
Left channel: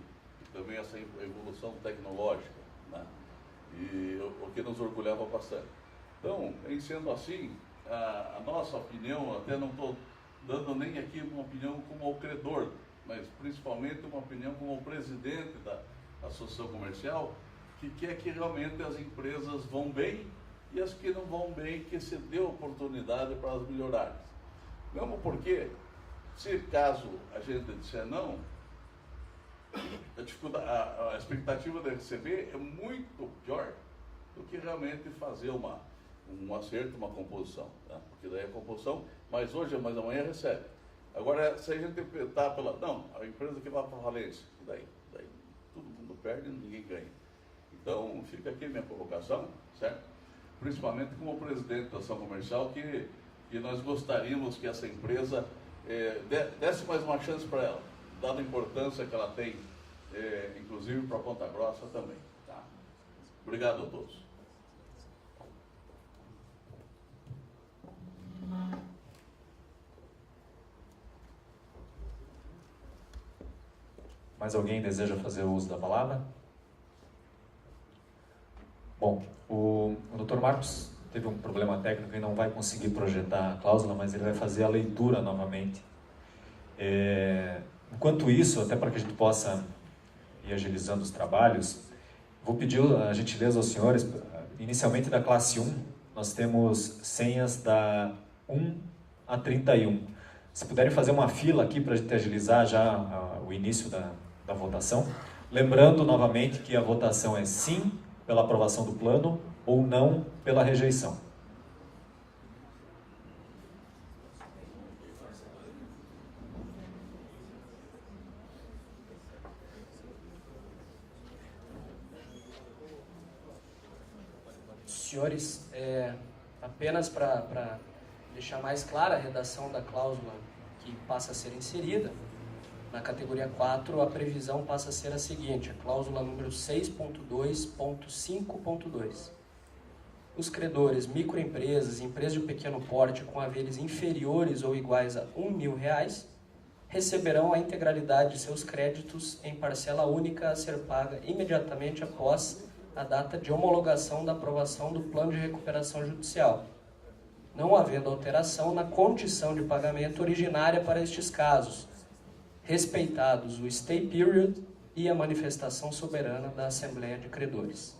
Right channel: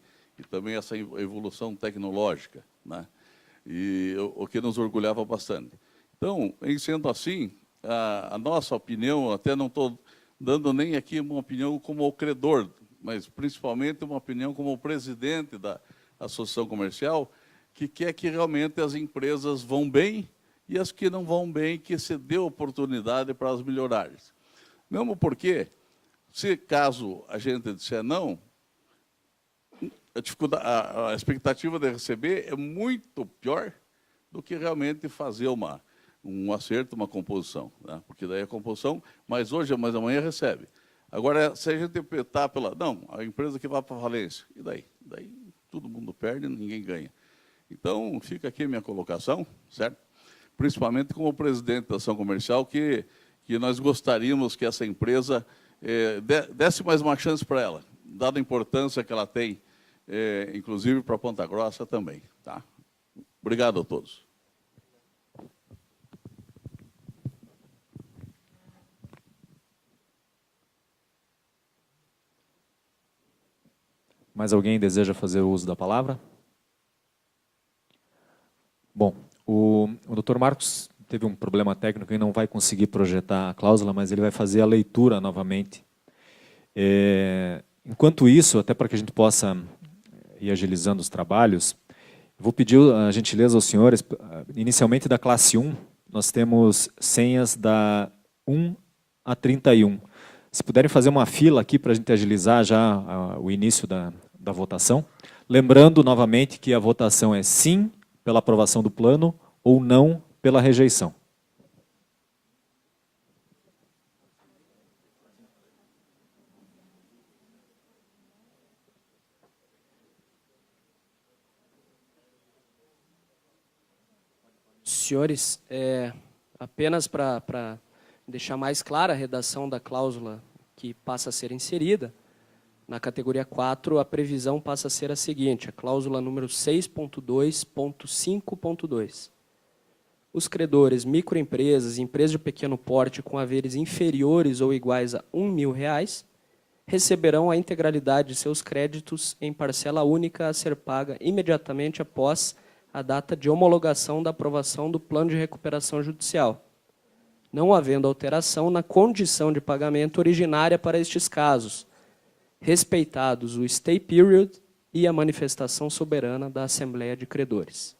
também essa evolução tecnológica, né? E o que nos orgulhava bastante. Então, em sendo assim, a nossa opinião, até não estou dando nem aqui uma opinião como o credor, mas principalmente uma opinião como o presidente da Associação Comercial, que quer que realmente as empresas vão bem e as que não vão bem, que se dê oportunidade para elas melhorarem. Mesmo porque, se caso a gente disser não, a expectativa de receber é muito pior do que realmente fazer um acerto, uma composição, né? Porque daí a composição, mas hoje, mas amanhã recebe. Agora, se a gente interpretar pela... Não, a empresa que vai para a falência, e daí? Daí todo mundo perde, ninguém ganha. Então, fica aqui a minha colocação, certo? Principalmente como presidente da ação comercial, que nós gostaríamos que essa empresa desse mais uma chance para ela, dada a importância que ela tem, inclusive para Ponta Grossa também. Tá? Obrigado a todos. Mais alguém deseja fazer uso da palavra? Bom, o Dr. Marcos teve um problema técnico e não vai conseguir projetar a cláusula, mas ele vai fazer a leitura novamente. Enquanto isso, até para que a gente possa ir agilizando os trabalhos, vou pedir a gentileza aos senhores, inicialmente da classe 1, nós temos senhas da 1 a 31. Se puderem fazer uma fila aqui para a gente agilizar já o início da votação. Lembrando novamente que a votação é sim pela aprovação do plano ou não pela rejeição. Senhores, apenas para deixar mais clara a redação da cláusula que passa a ser inserida, na categoria 4, a previsão passa a ser a seguinte, a cláusula número 6.2.5.2. Os credores, microempresas e empresas de pequeno porte com haveres inferiores ou iguais a R$1.000 receberão a integralidade de seus créditos em parcela única a ser paga imediatamente após a data de homologação da aprovação do plano de recuperação judicial, não havendo alteração na condição de pagamento originária para estes casos, respeitados o stay period e a manifestação soberana da Assembleia de Credores.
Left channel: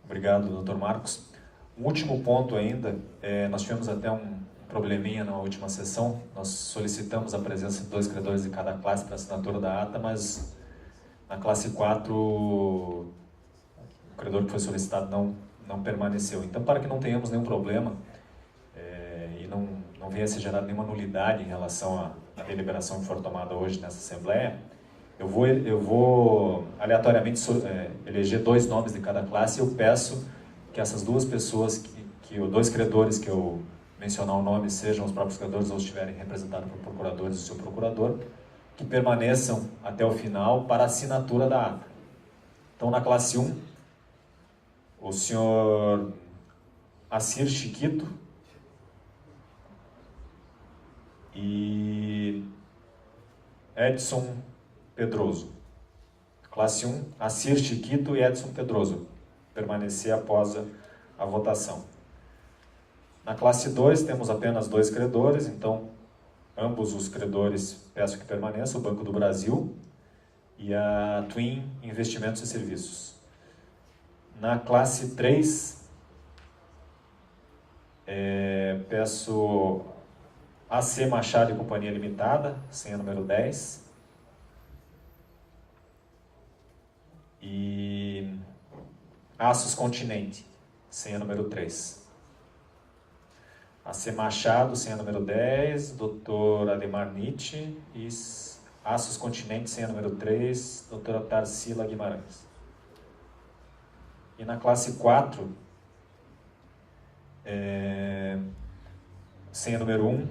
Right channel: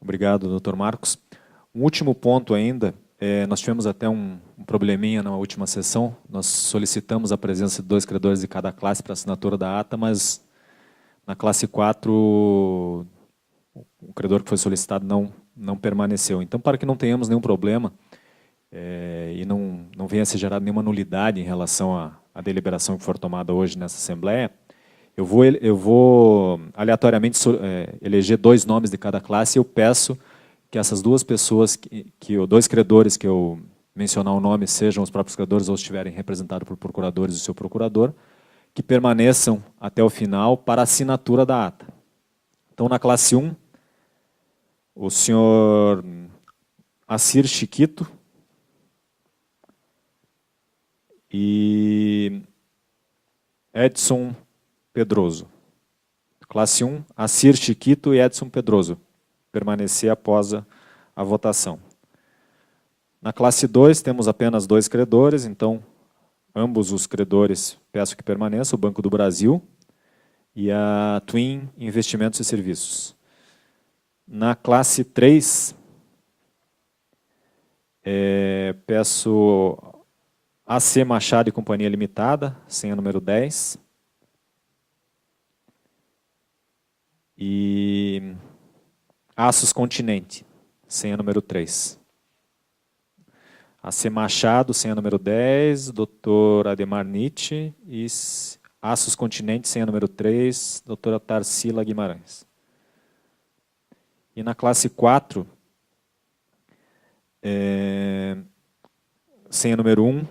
Obrigado, Dr. Marcos. Um último ponto ainda, nós tivemos até um probleminha na última sessão, nós solicitamos a presença de 2 credores de cada classe para assinatura da ata, mas na classe 4 o credor que foi solicitado não permaneceu. Então, para que não tenhamos nenhum problema, e não venha a ser gerada nenhuma nulidade em relação à deliberação que for tomada hoje nessa Assembleia, eu vou aleatoriamente eleger 2 nomes de cada classe e eu peço que essas 2 pessoas, os 2 credores que eu mencionar o nome, sejam os próprios credores ou estiverem representados por procuradores e o seu procurador, que permaneçam até o final para a assinatura da ata. Então, na classe 1, o senhor Assir Chiquito e Edson Pedroso. Classe 1, Assir Chiquito e Edson Pedroso. Permanecer após a votação. Na classe 2, temos apenas 2 credores, então, ambos os credores peço que permaneçam, o Banco do Brasil e a Twin Investimentos e Serviços. Na classe 3, peço AC Machado e Companhia Limitada, senha número 10. E Aços Continente, senha número 3. AC Machado, senha número 10, Dr. Ademar Nietzsche, e Aços Continente, senha número 3, doutora Tarsila Guimarães. E na classe 4, senha número 1,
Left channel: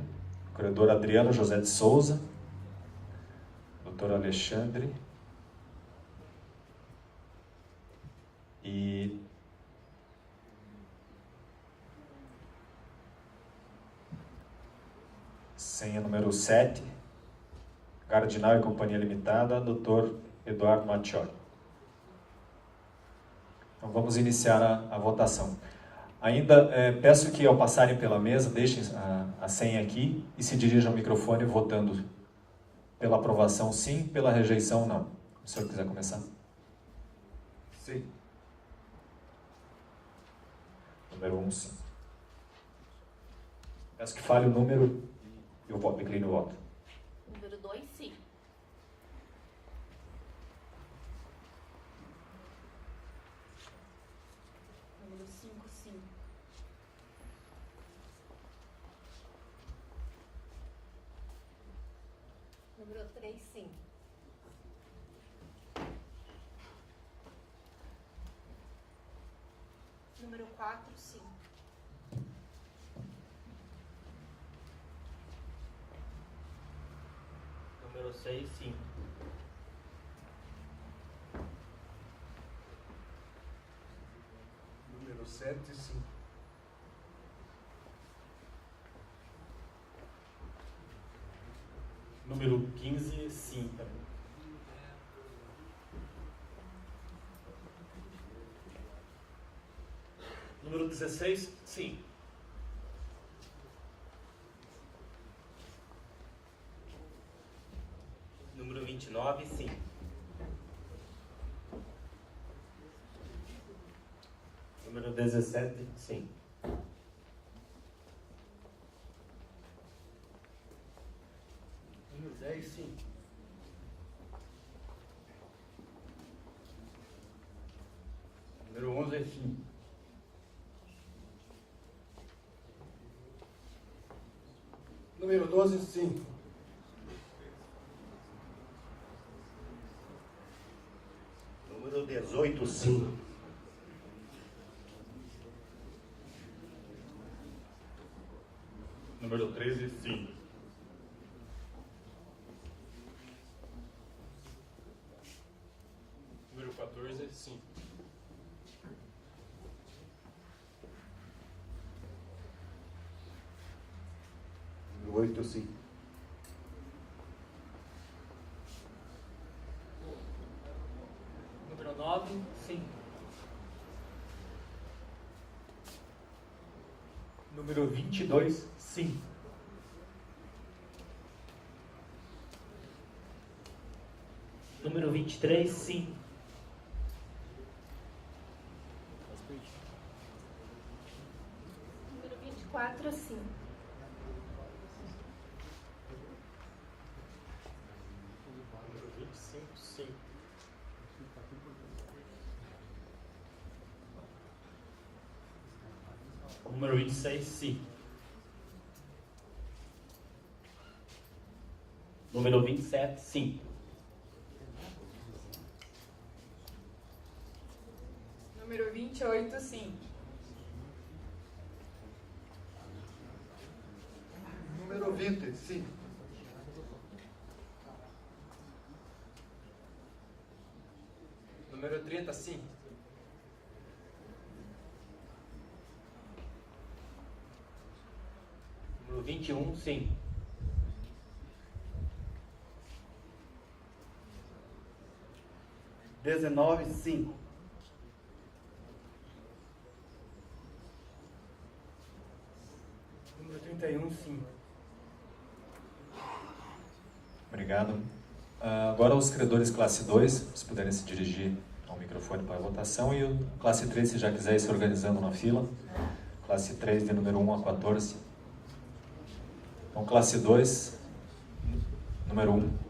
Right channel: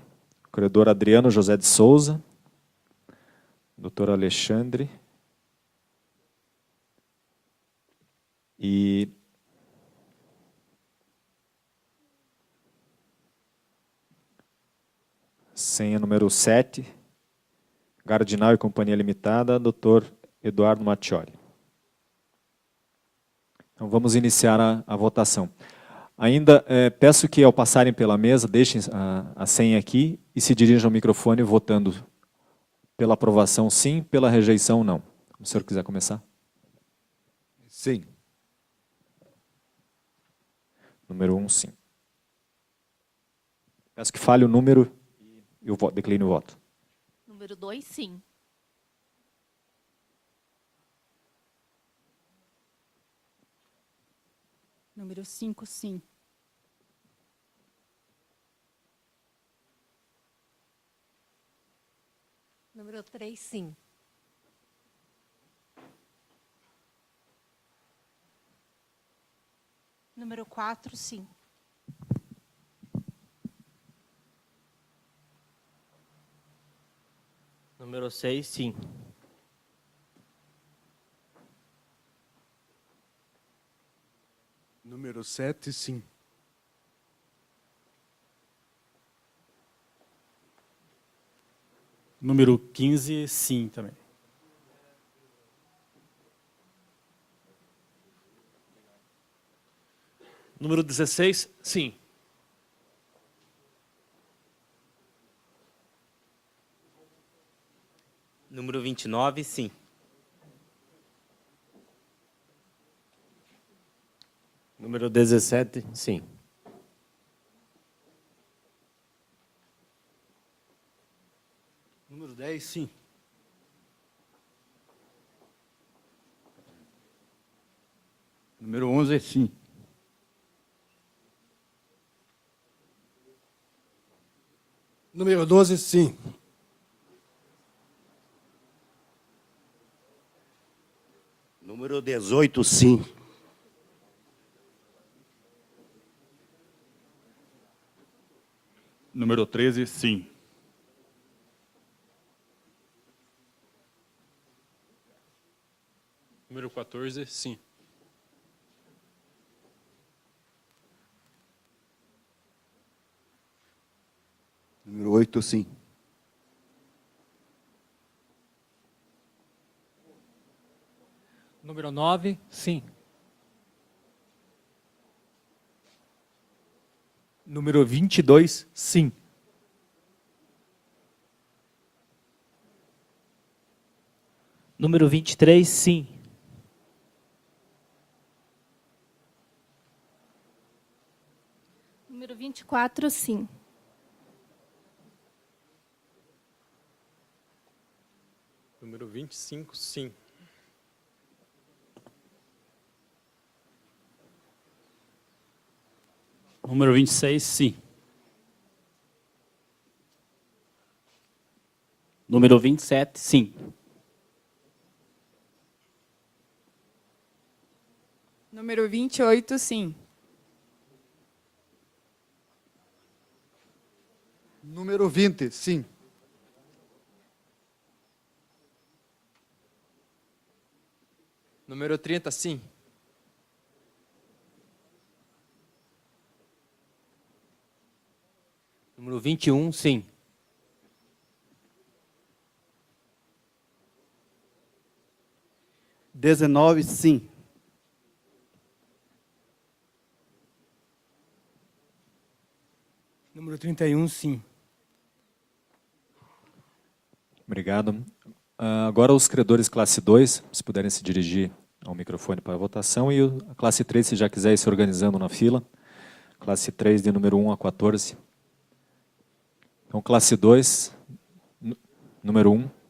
credor Adriano José de Souza, doutor Alexandre, e senha número 7, Gardinal e Companhia Limitada, Dr. Eduardo Mattioli. Então vamos iniciar a votação. Ainda peço que ao passarem pela mesa, deixem a senha aqui e se dirijam ao microfone votando pela aprovação sim, pela rejeição não. Se o senhor quiser começar. Sim. Número 1, sim. Peço que fale o número e eu declino o voto. Número 2, sim. Número 5, sim. Número 3, sim. Número 4, sim. Número 6, sim. Número 7, sim. Número 15, sim, também. Número 16, sim. Número 29, sim. Número 17, sim. Número 10, sim. Número 11, sim. Número 12, sim. Número 18, sim. Número 13, sim. Número 14, sim. Número 8, sim. Número 9, sim. Número 22, sim. Número 23, sim. Número 24, sim. Número 25, sim. Número 26, sim. Número 27, sim. Número 28, sim. Número 20, sim. Número 30, sim. Número 21, sim. Dezenove, sim. Número 31, sim. Obrigado. Agora os credores classe 2, se puderem se dirigir ao microfone para a votação, e a classe 3, se já quiser ir se organizando na fila. Classe 3, de número 1 a 14. Então, classe 2, número 1.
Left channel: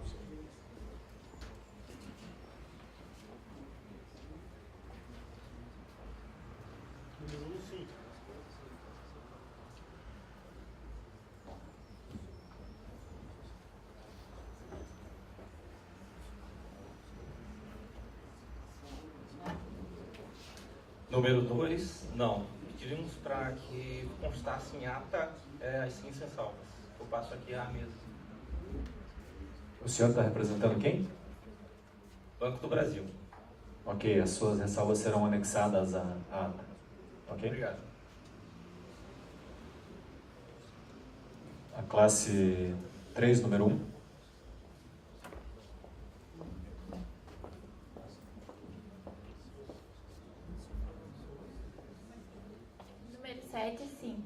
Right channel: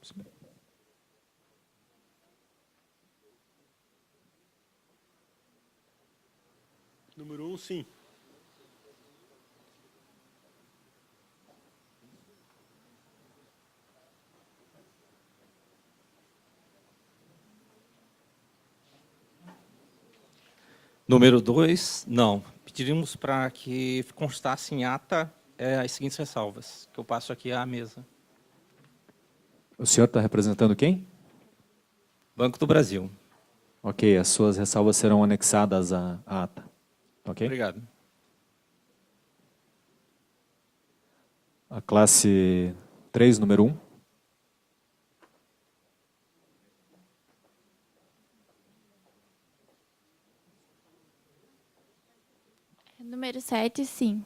Número 1, sim. Número 2, não. Pediríamos para que constasse em ata as seguintes ressalvas, que eu passo aqui à mesa. O senhor está representando quem? Banco do Brasil. Ok, as suas ressalvas serão anexadas à ata. Ok? Obrigado. A classe 3, número 1. Número 7, sim.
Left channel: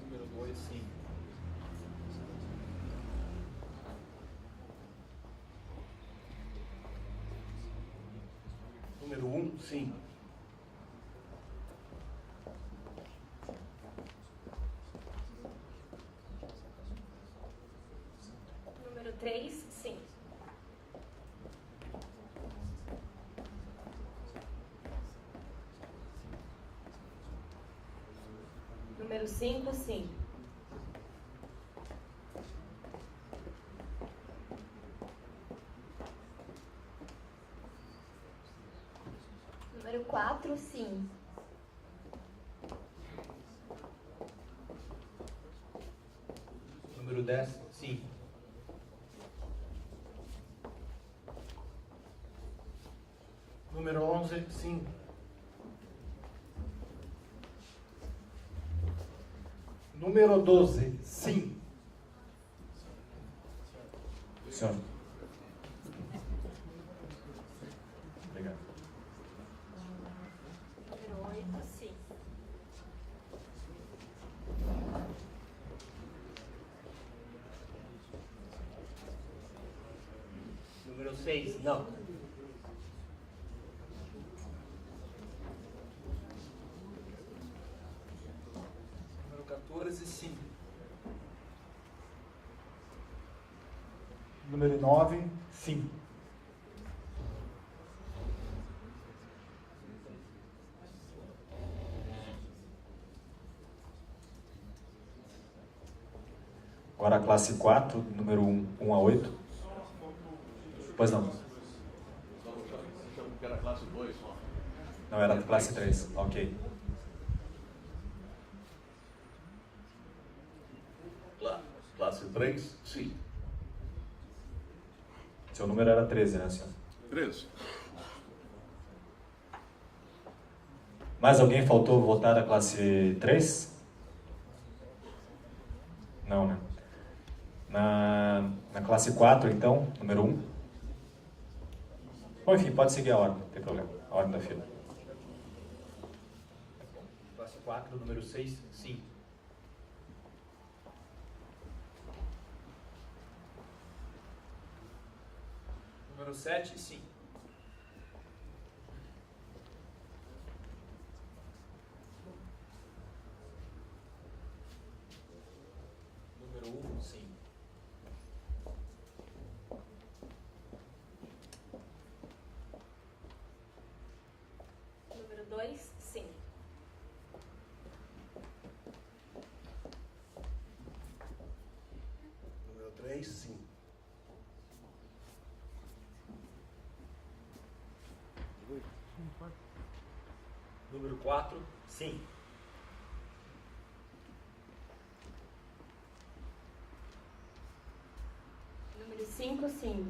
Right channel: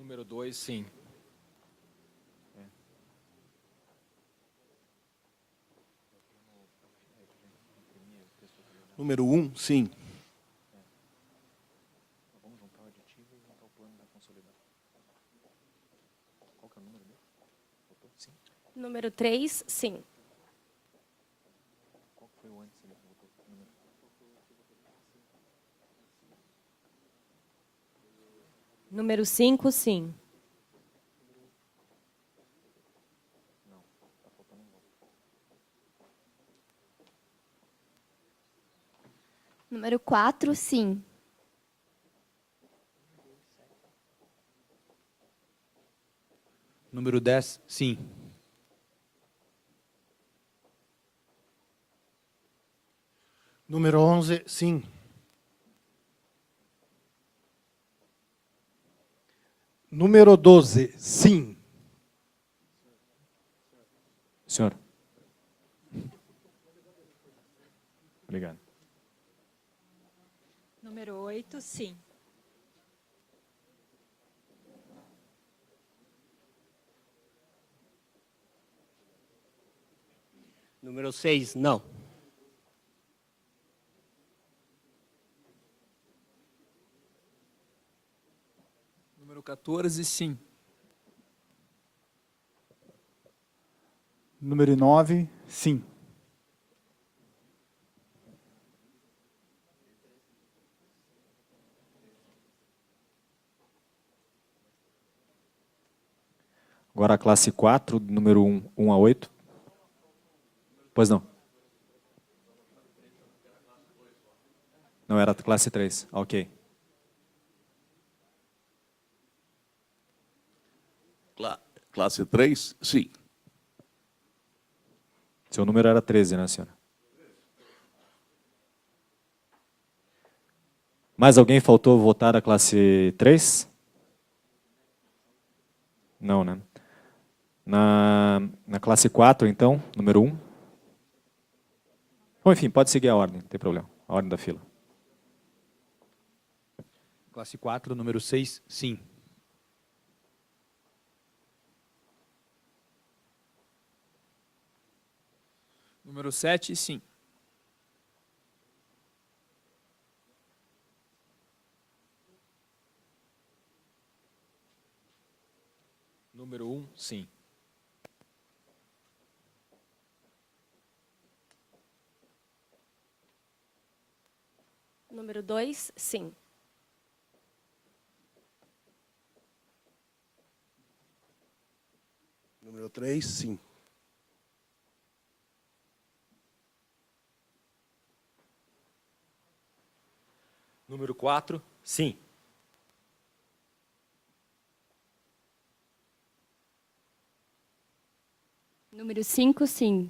Número 2, sim. Número 1, sim. Número 3, sim. Número 5, sim. Número 4, sim. Número 10, sim. Número 11, sim. Número 12, sim. Senhor. Obrigado. Número 8, sim. Número 6, não. Número 14, sim. Número 9, sim. Agora a classe 4, número 1 a 8. Pois não. Não, era a classe 3. Ok. Classe 3, sim. Seu número era 13, né, senhor? 13. Mais alguém faltou votar a classe 3? Não, né? Na classe 4, então, número 1. Bom, enfim, pode seguir a ordem, não tem problema. A ordem da fila. Classe 4, número 6, sim. Número 7, sim. Número 1, sim. Número 2, sim. Número 3, sim. Número 4, sim. Número 5, sim.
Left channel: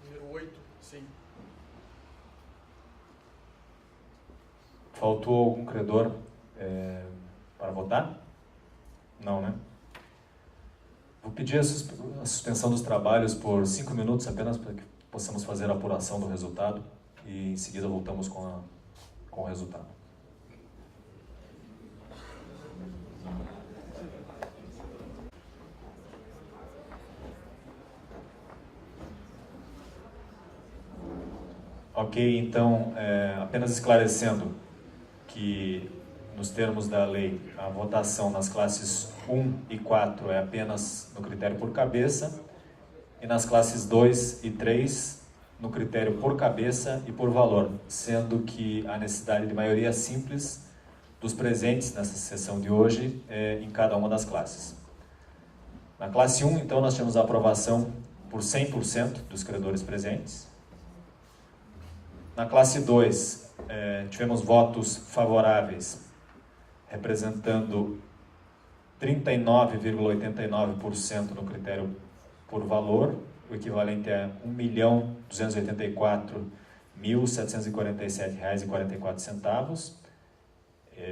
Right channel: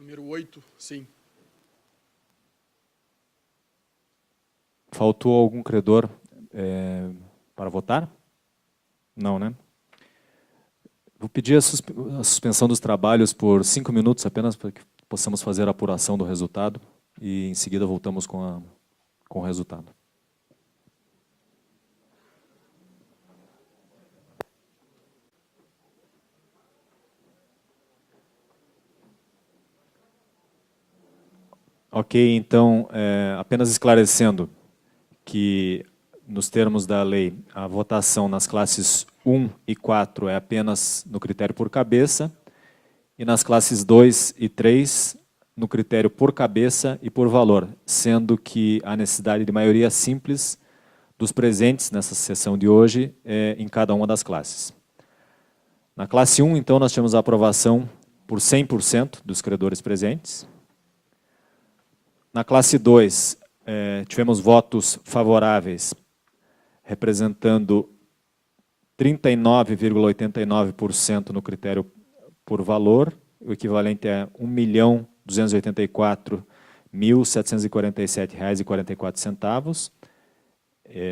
Número 8, sim. Faltou algum credor para votar? Não, né? Vou pedir a suspensão dos trabalhos por 5 minutos apenas para que possamos fazer a apuração do resultado e em seguida voltamos com o resultado. Ok, então, apenas esclarecendo que, nos termos da lei, a votação nas classes 1 e 4 é apenas no critério por cabeça, e nas classes 2 e 3, no critério por cabeça e por valor, sendo que há necessidade de maioria simples dos presentes nessa sessão de hoje em cada uma das classes. Na classe 1, então, nós temos a aprovação por 100% dos credores presentes. Na classe 2, tivemos votos favoráveis, representando 39,89% no critério por valor, o equivalente a R$ 1.284.747,44.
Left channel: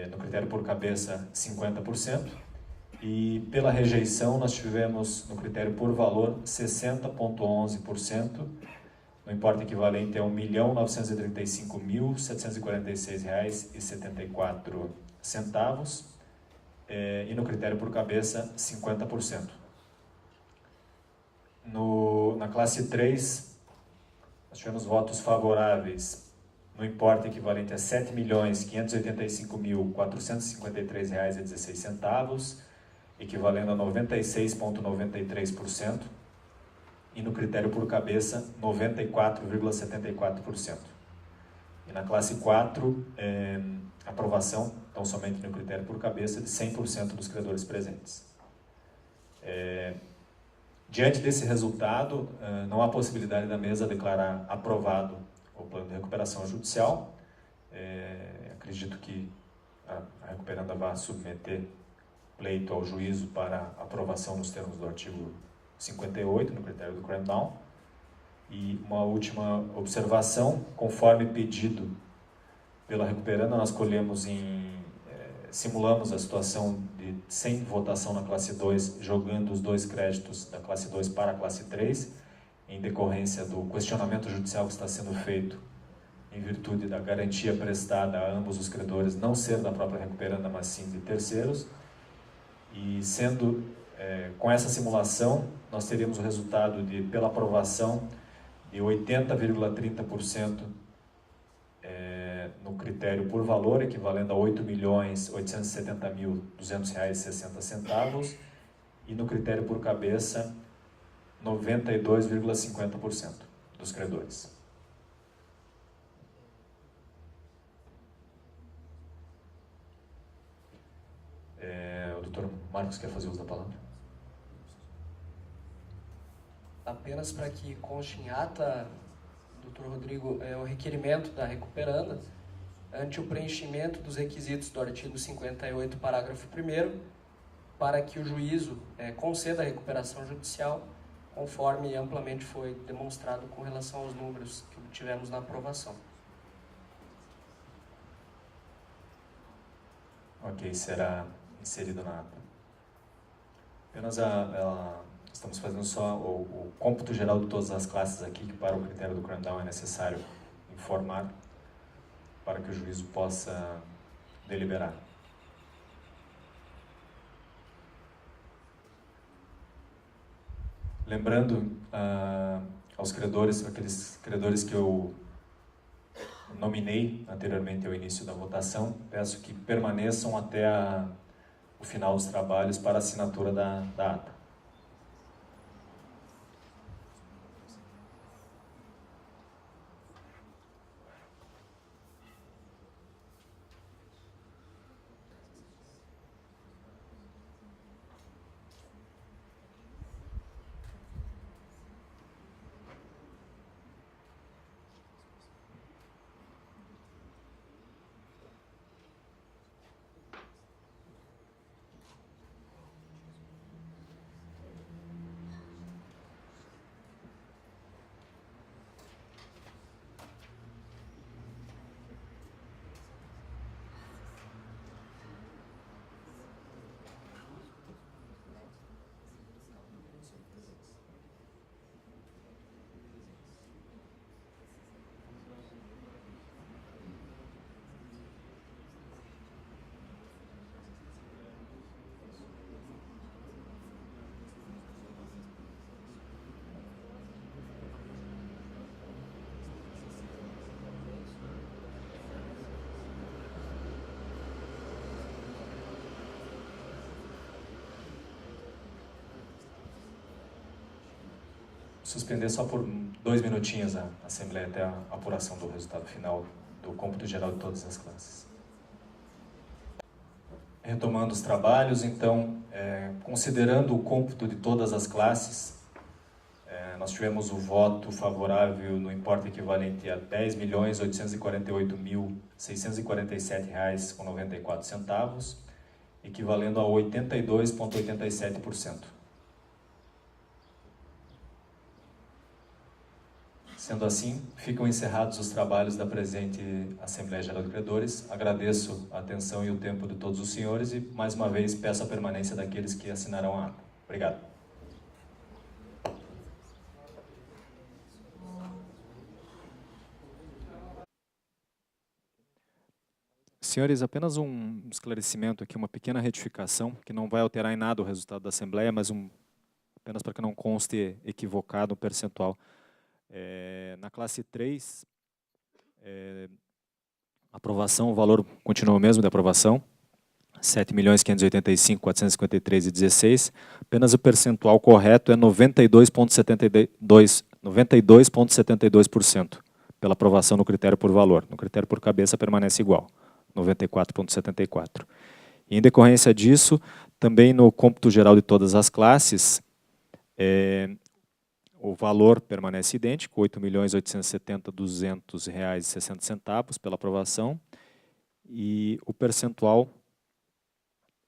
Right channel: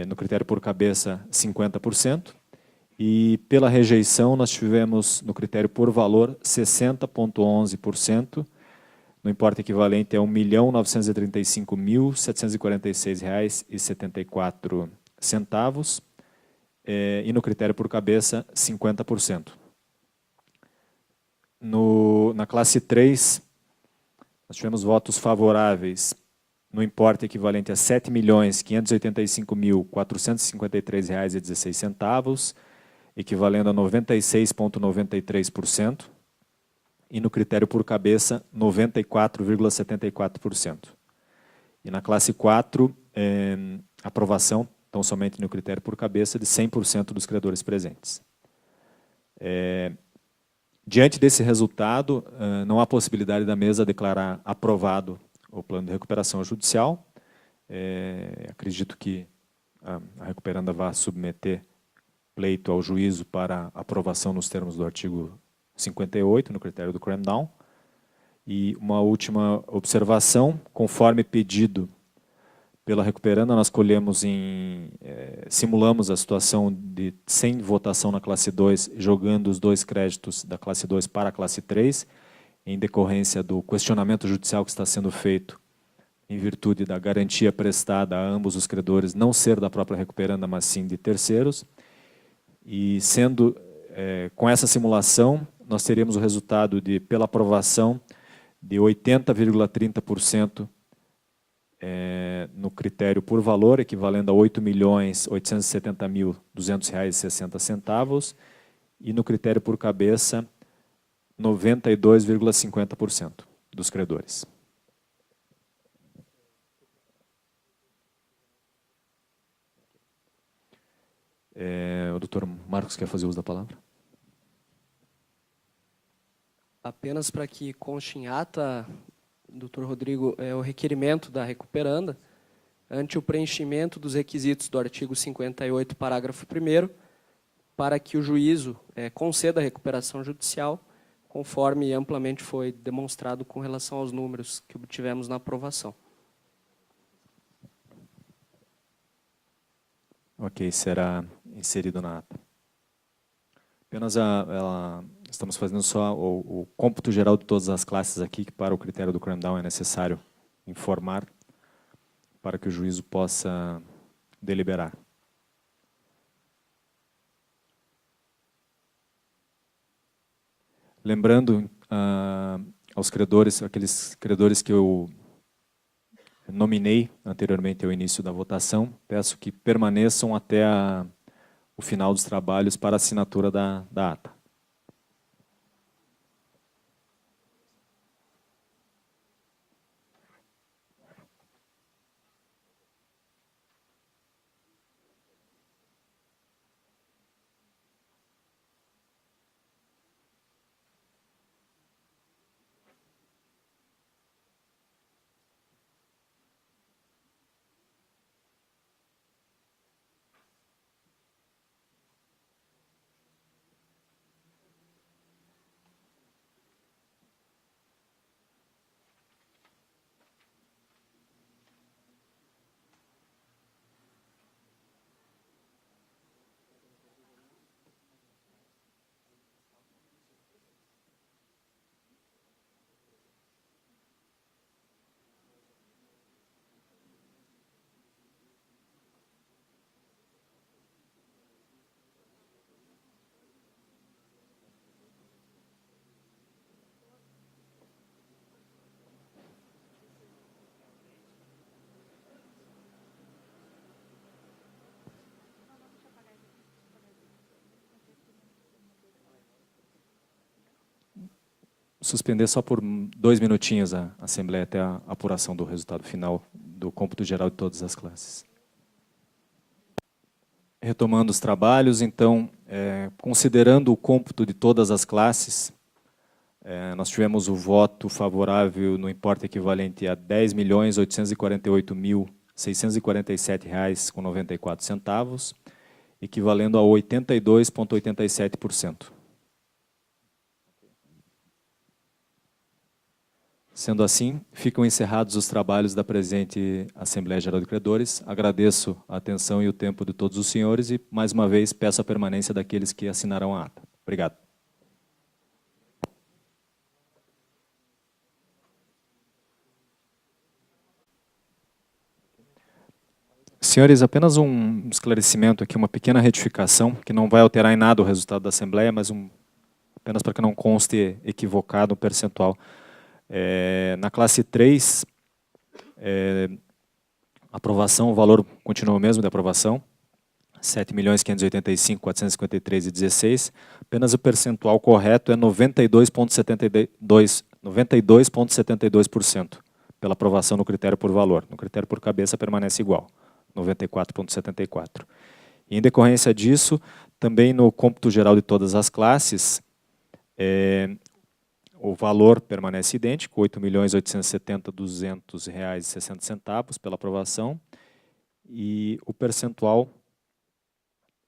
No critério por cabeça, 50%. E pela rejeição, nós tivemos no critério por valor 60,11%, no importe equivalente a R$ 1.935.746,74. E no critério por cabeça, 50%. Na classe 3, nós tivemos votos favoráveis no importe equivalente a R$ 7.585.453,16, equivalendo a 96,93%. E no critério por cabeça, 94,74%. E na classe 4, aprovação, então somente no critério por cabeça, de 100% dos credores presentes. Diante desse resultado, não há possibilidade da mesa declarar aprovado o plano de recuperação judicial. Acredito que a recuperanda vai submeter pleito ao juízo para aprovação nos termos do artigo 58, no critério do cram-down. E uma última observação, conforme pedido pela recuperanda, nós simulamos a situação de sem votação na classe 2, jogando os 2 créditos da classe 2 para a classe 3, em decorrência do questionamento judicial que está sendo feito em virtude da garantia prestada a ambos os credores, não ser da própria recuperanda, mas sim de terceiros. E sendo, com essa simulação, nós teríamos o resultado pela aprovação de 80,30% no critério por valor, equivalendo a R$ 8.870.200,60, e no critério por cabeça, 92,50% dos credores. O doutor Marcos quer fazer uso da palavra? Apenas para que conste em ata, doutor Rodrigo, o requerimento da recuperanda, ante o preenchimento dos requisitos do artigo 58, parágrafo 1º, para que o juízo conceda a recuperação judicial, conforme amplamente foi demonstrado com relação aos números que obtivemos na aprovação. Ok, será inserido na ata. Apenas estamos fazendo só o cômputo geral de todas as classes aqui, que para o critério do cram-down é necessário informar para que o juízo possa deliberar. Lembrando aos credores, aqueles credores que eu nominei anteriormente ao início da votação, peço que permaneçam até o final dos trabalhos para a assinatura da ata. suspender só por 2 minutinhos a Assembleia até a apuração do resultado final do cômputo geral de todas as classes. Retomando os trabalhos, então, considerando o cômputo de todas as classes, nós tivemos o voto favorável no importe equivalente a R$ 10.848.647,94, equivalendo a 82,87%. Sendo assim, ficam encerrados os trabalhos da presente Assembleia Geral de Credores. Agradeço a atenção e o tempo de todos os senhores e, mais uma vez, peço a permanência daqueles que assinarão a ata. Obrigado. Senhores, apenas um esclarecimento aqui, uma pequena retificação, que não vai alterar em nada o resultado da Assembleia, mas apenas para que não conste equivocado o percentual. Na classe 3, aprovação, o valor continua o mesmo de aprovação, R$ 7.585.453,16. Apenas o percentual correto é 92,72%, pela aprovação no critério por valor. No critério por cabeça permanece igual, 94,74%. E em decorrência disso, também no cômputo geral de todas as classes, o valor permanece idêntico, R$ 8.870.200,60 pela aprovação, e o percentual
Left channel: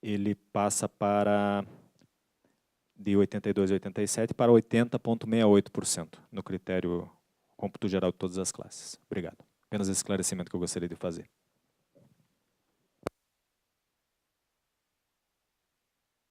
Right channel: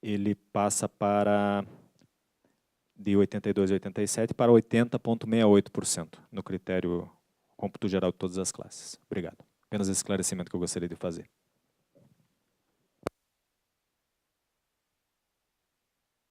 ele passa de 82,87% para 80,68% no critério cômputo geral de todas as classes. Obrigado. Apenas esse esclarecimento que eu gostaria de fazer.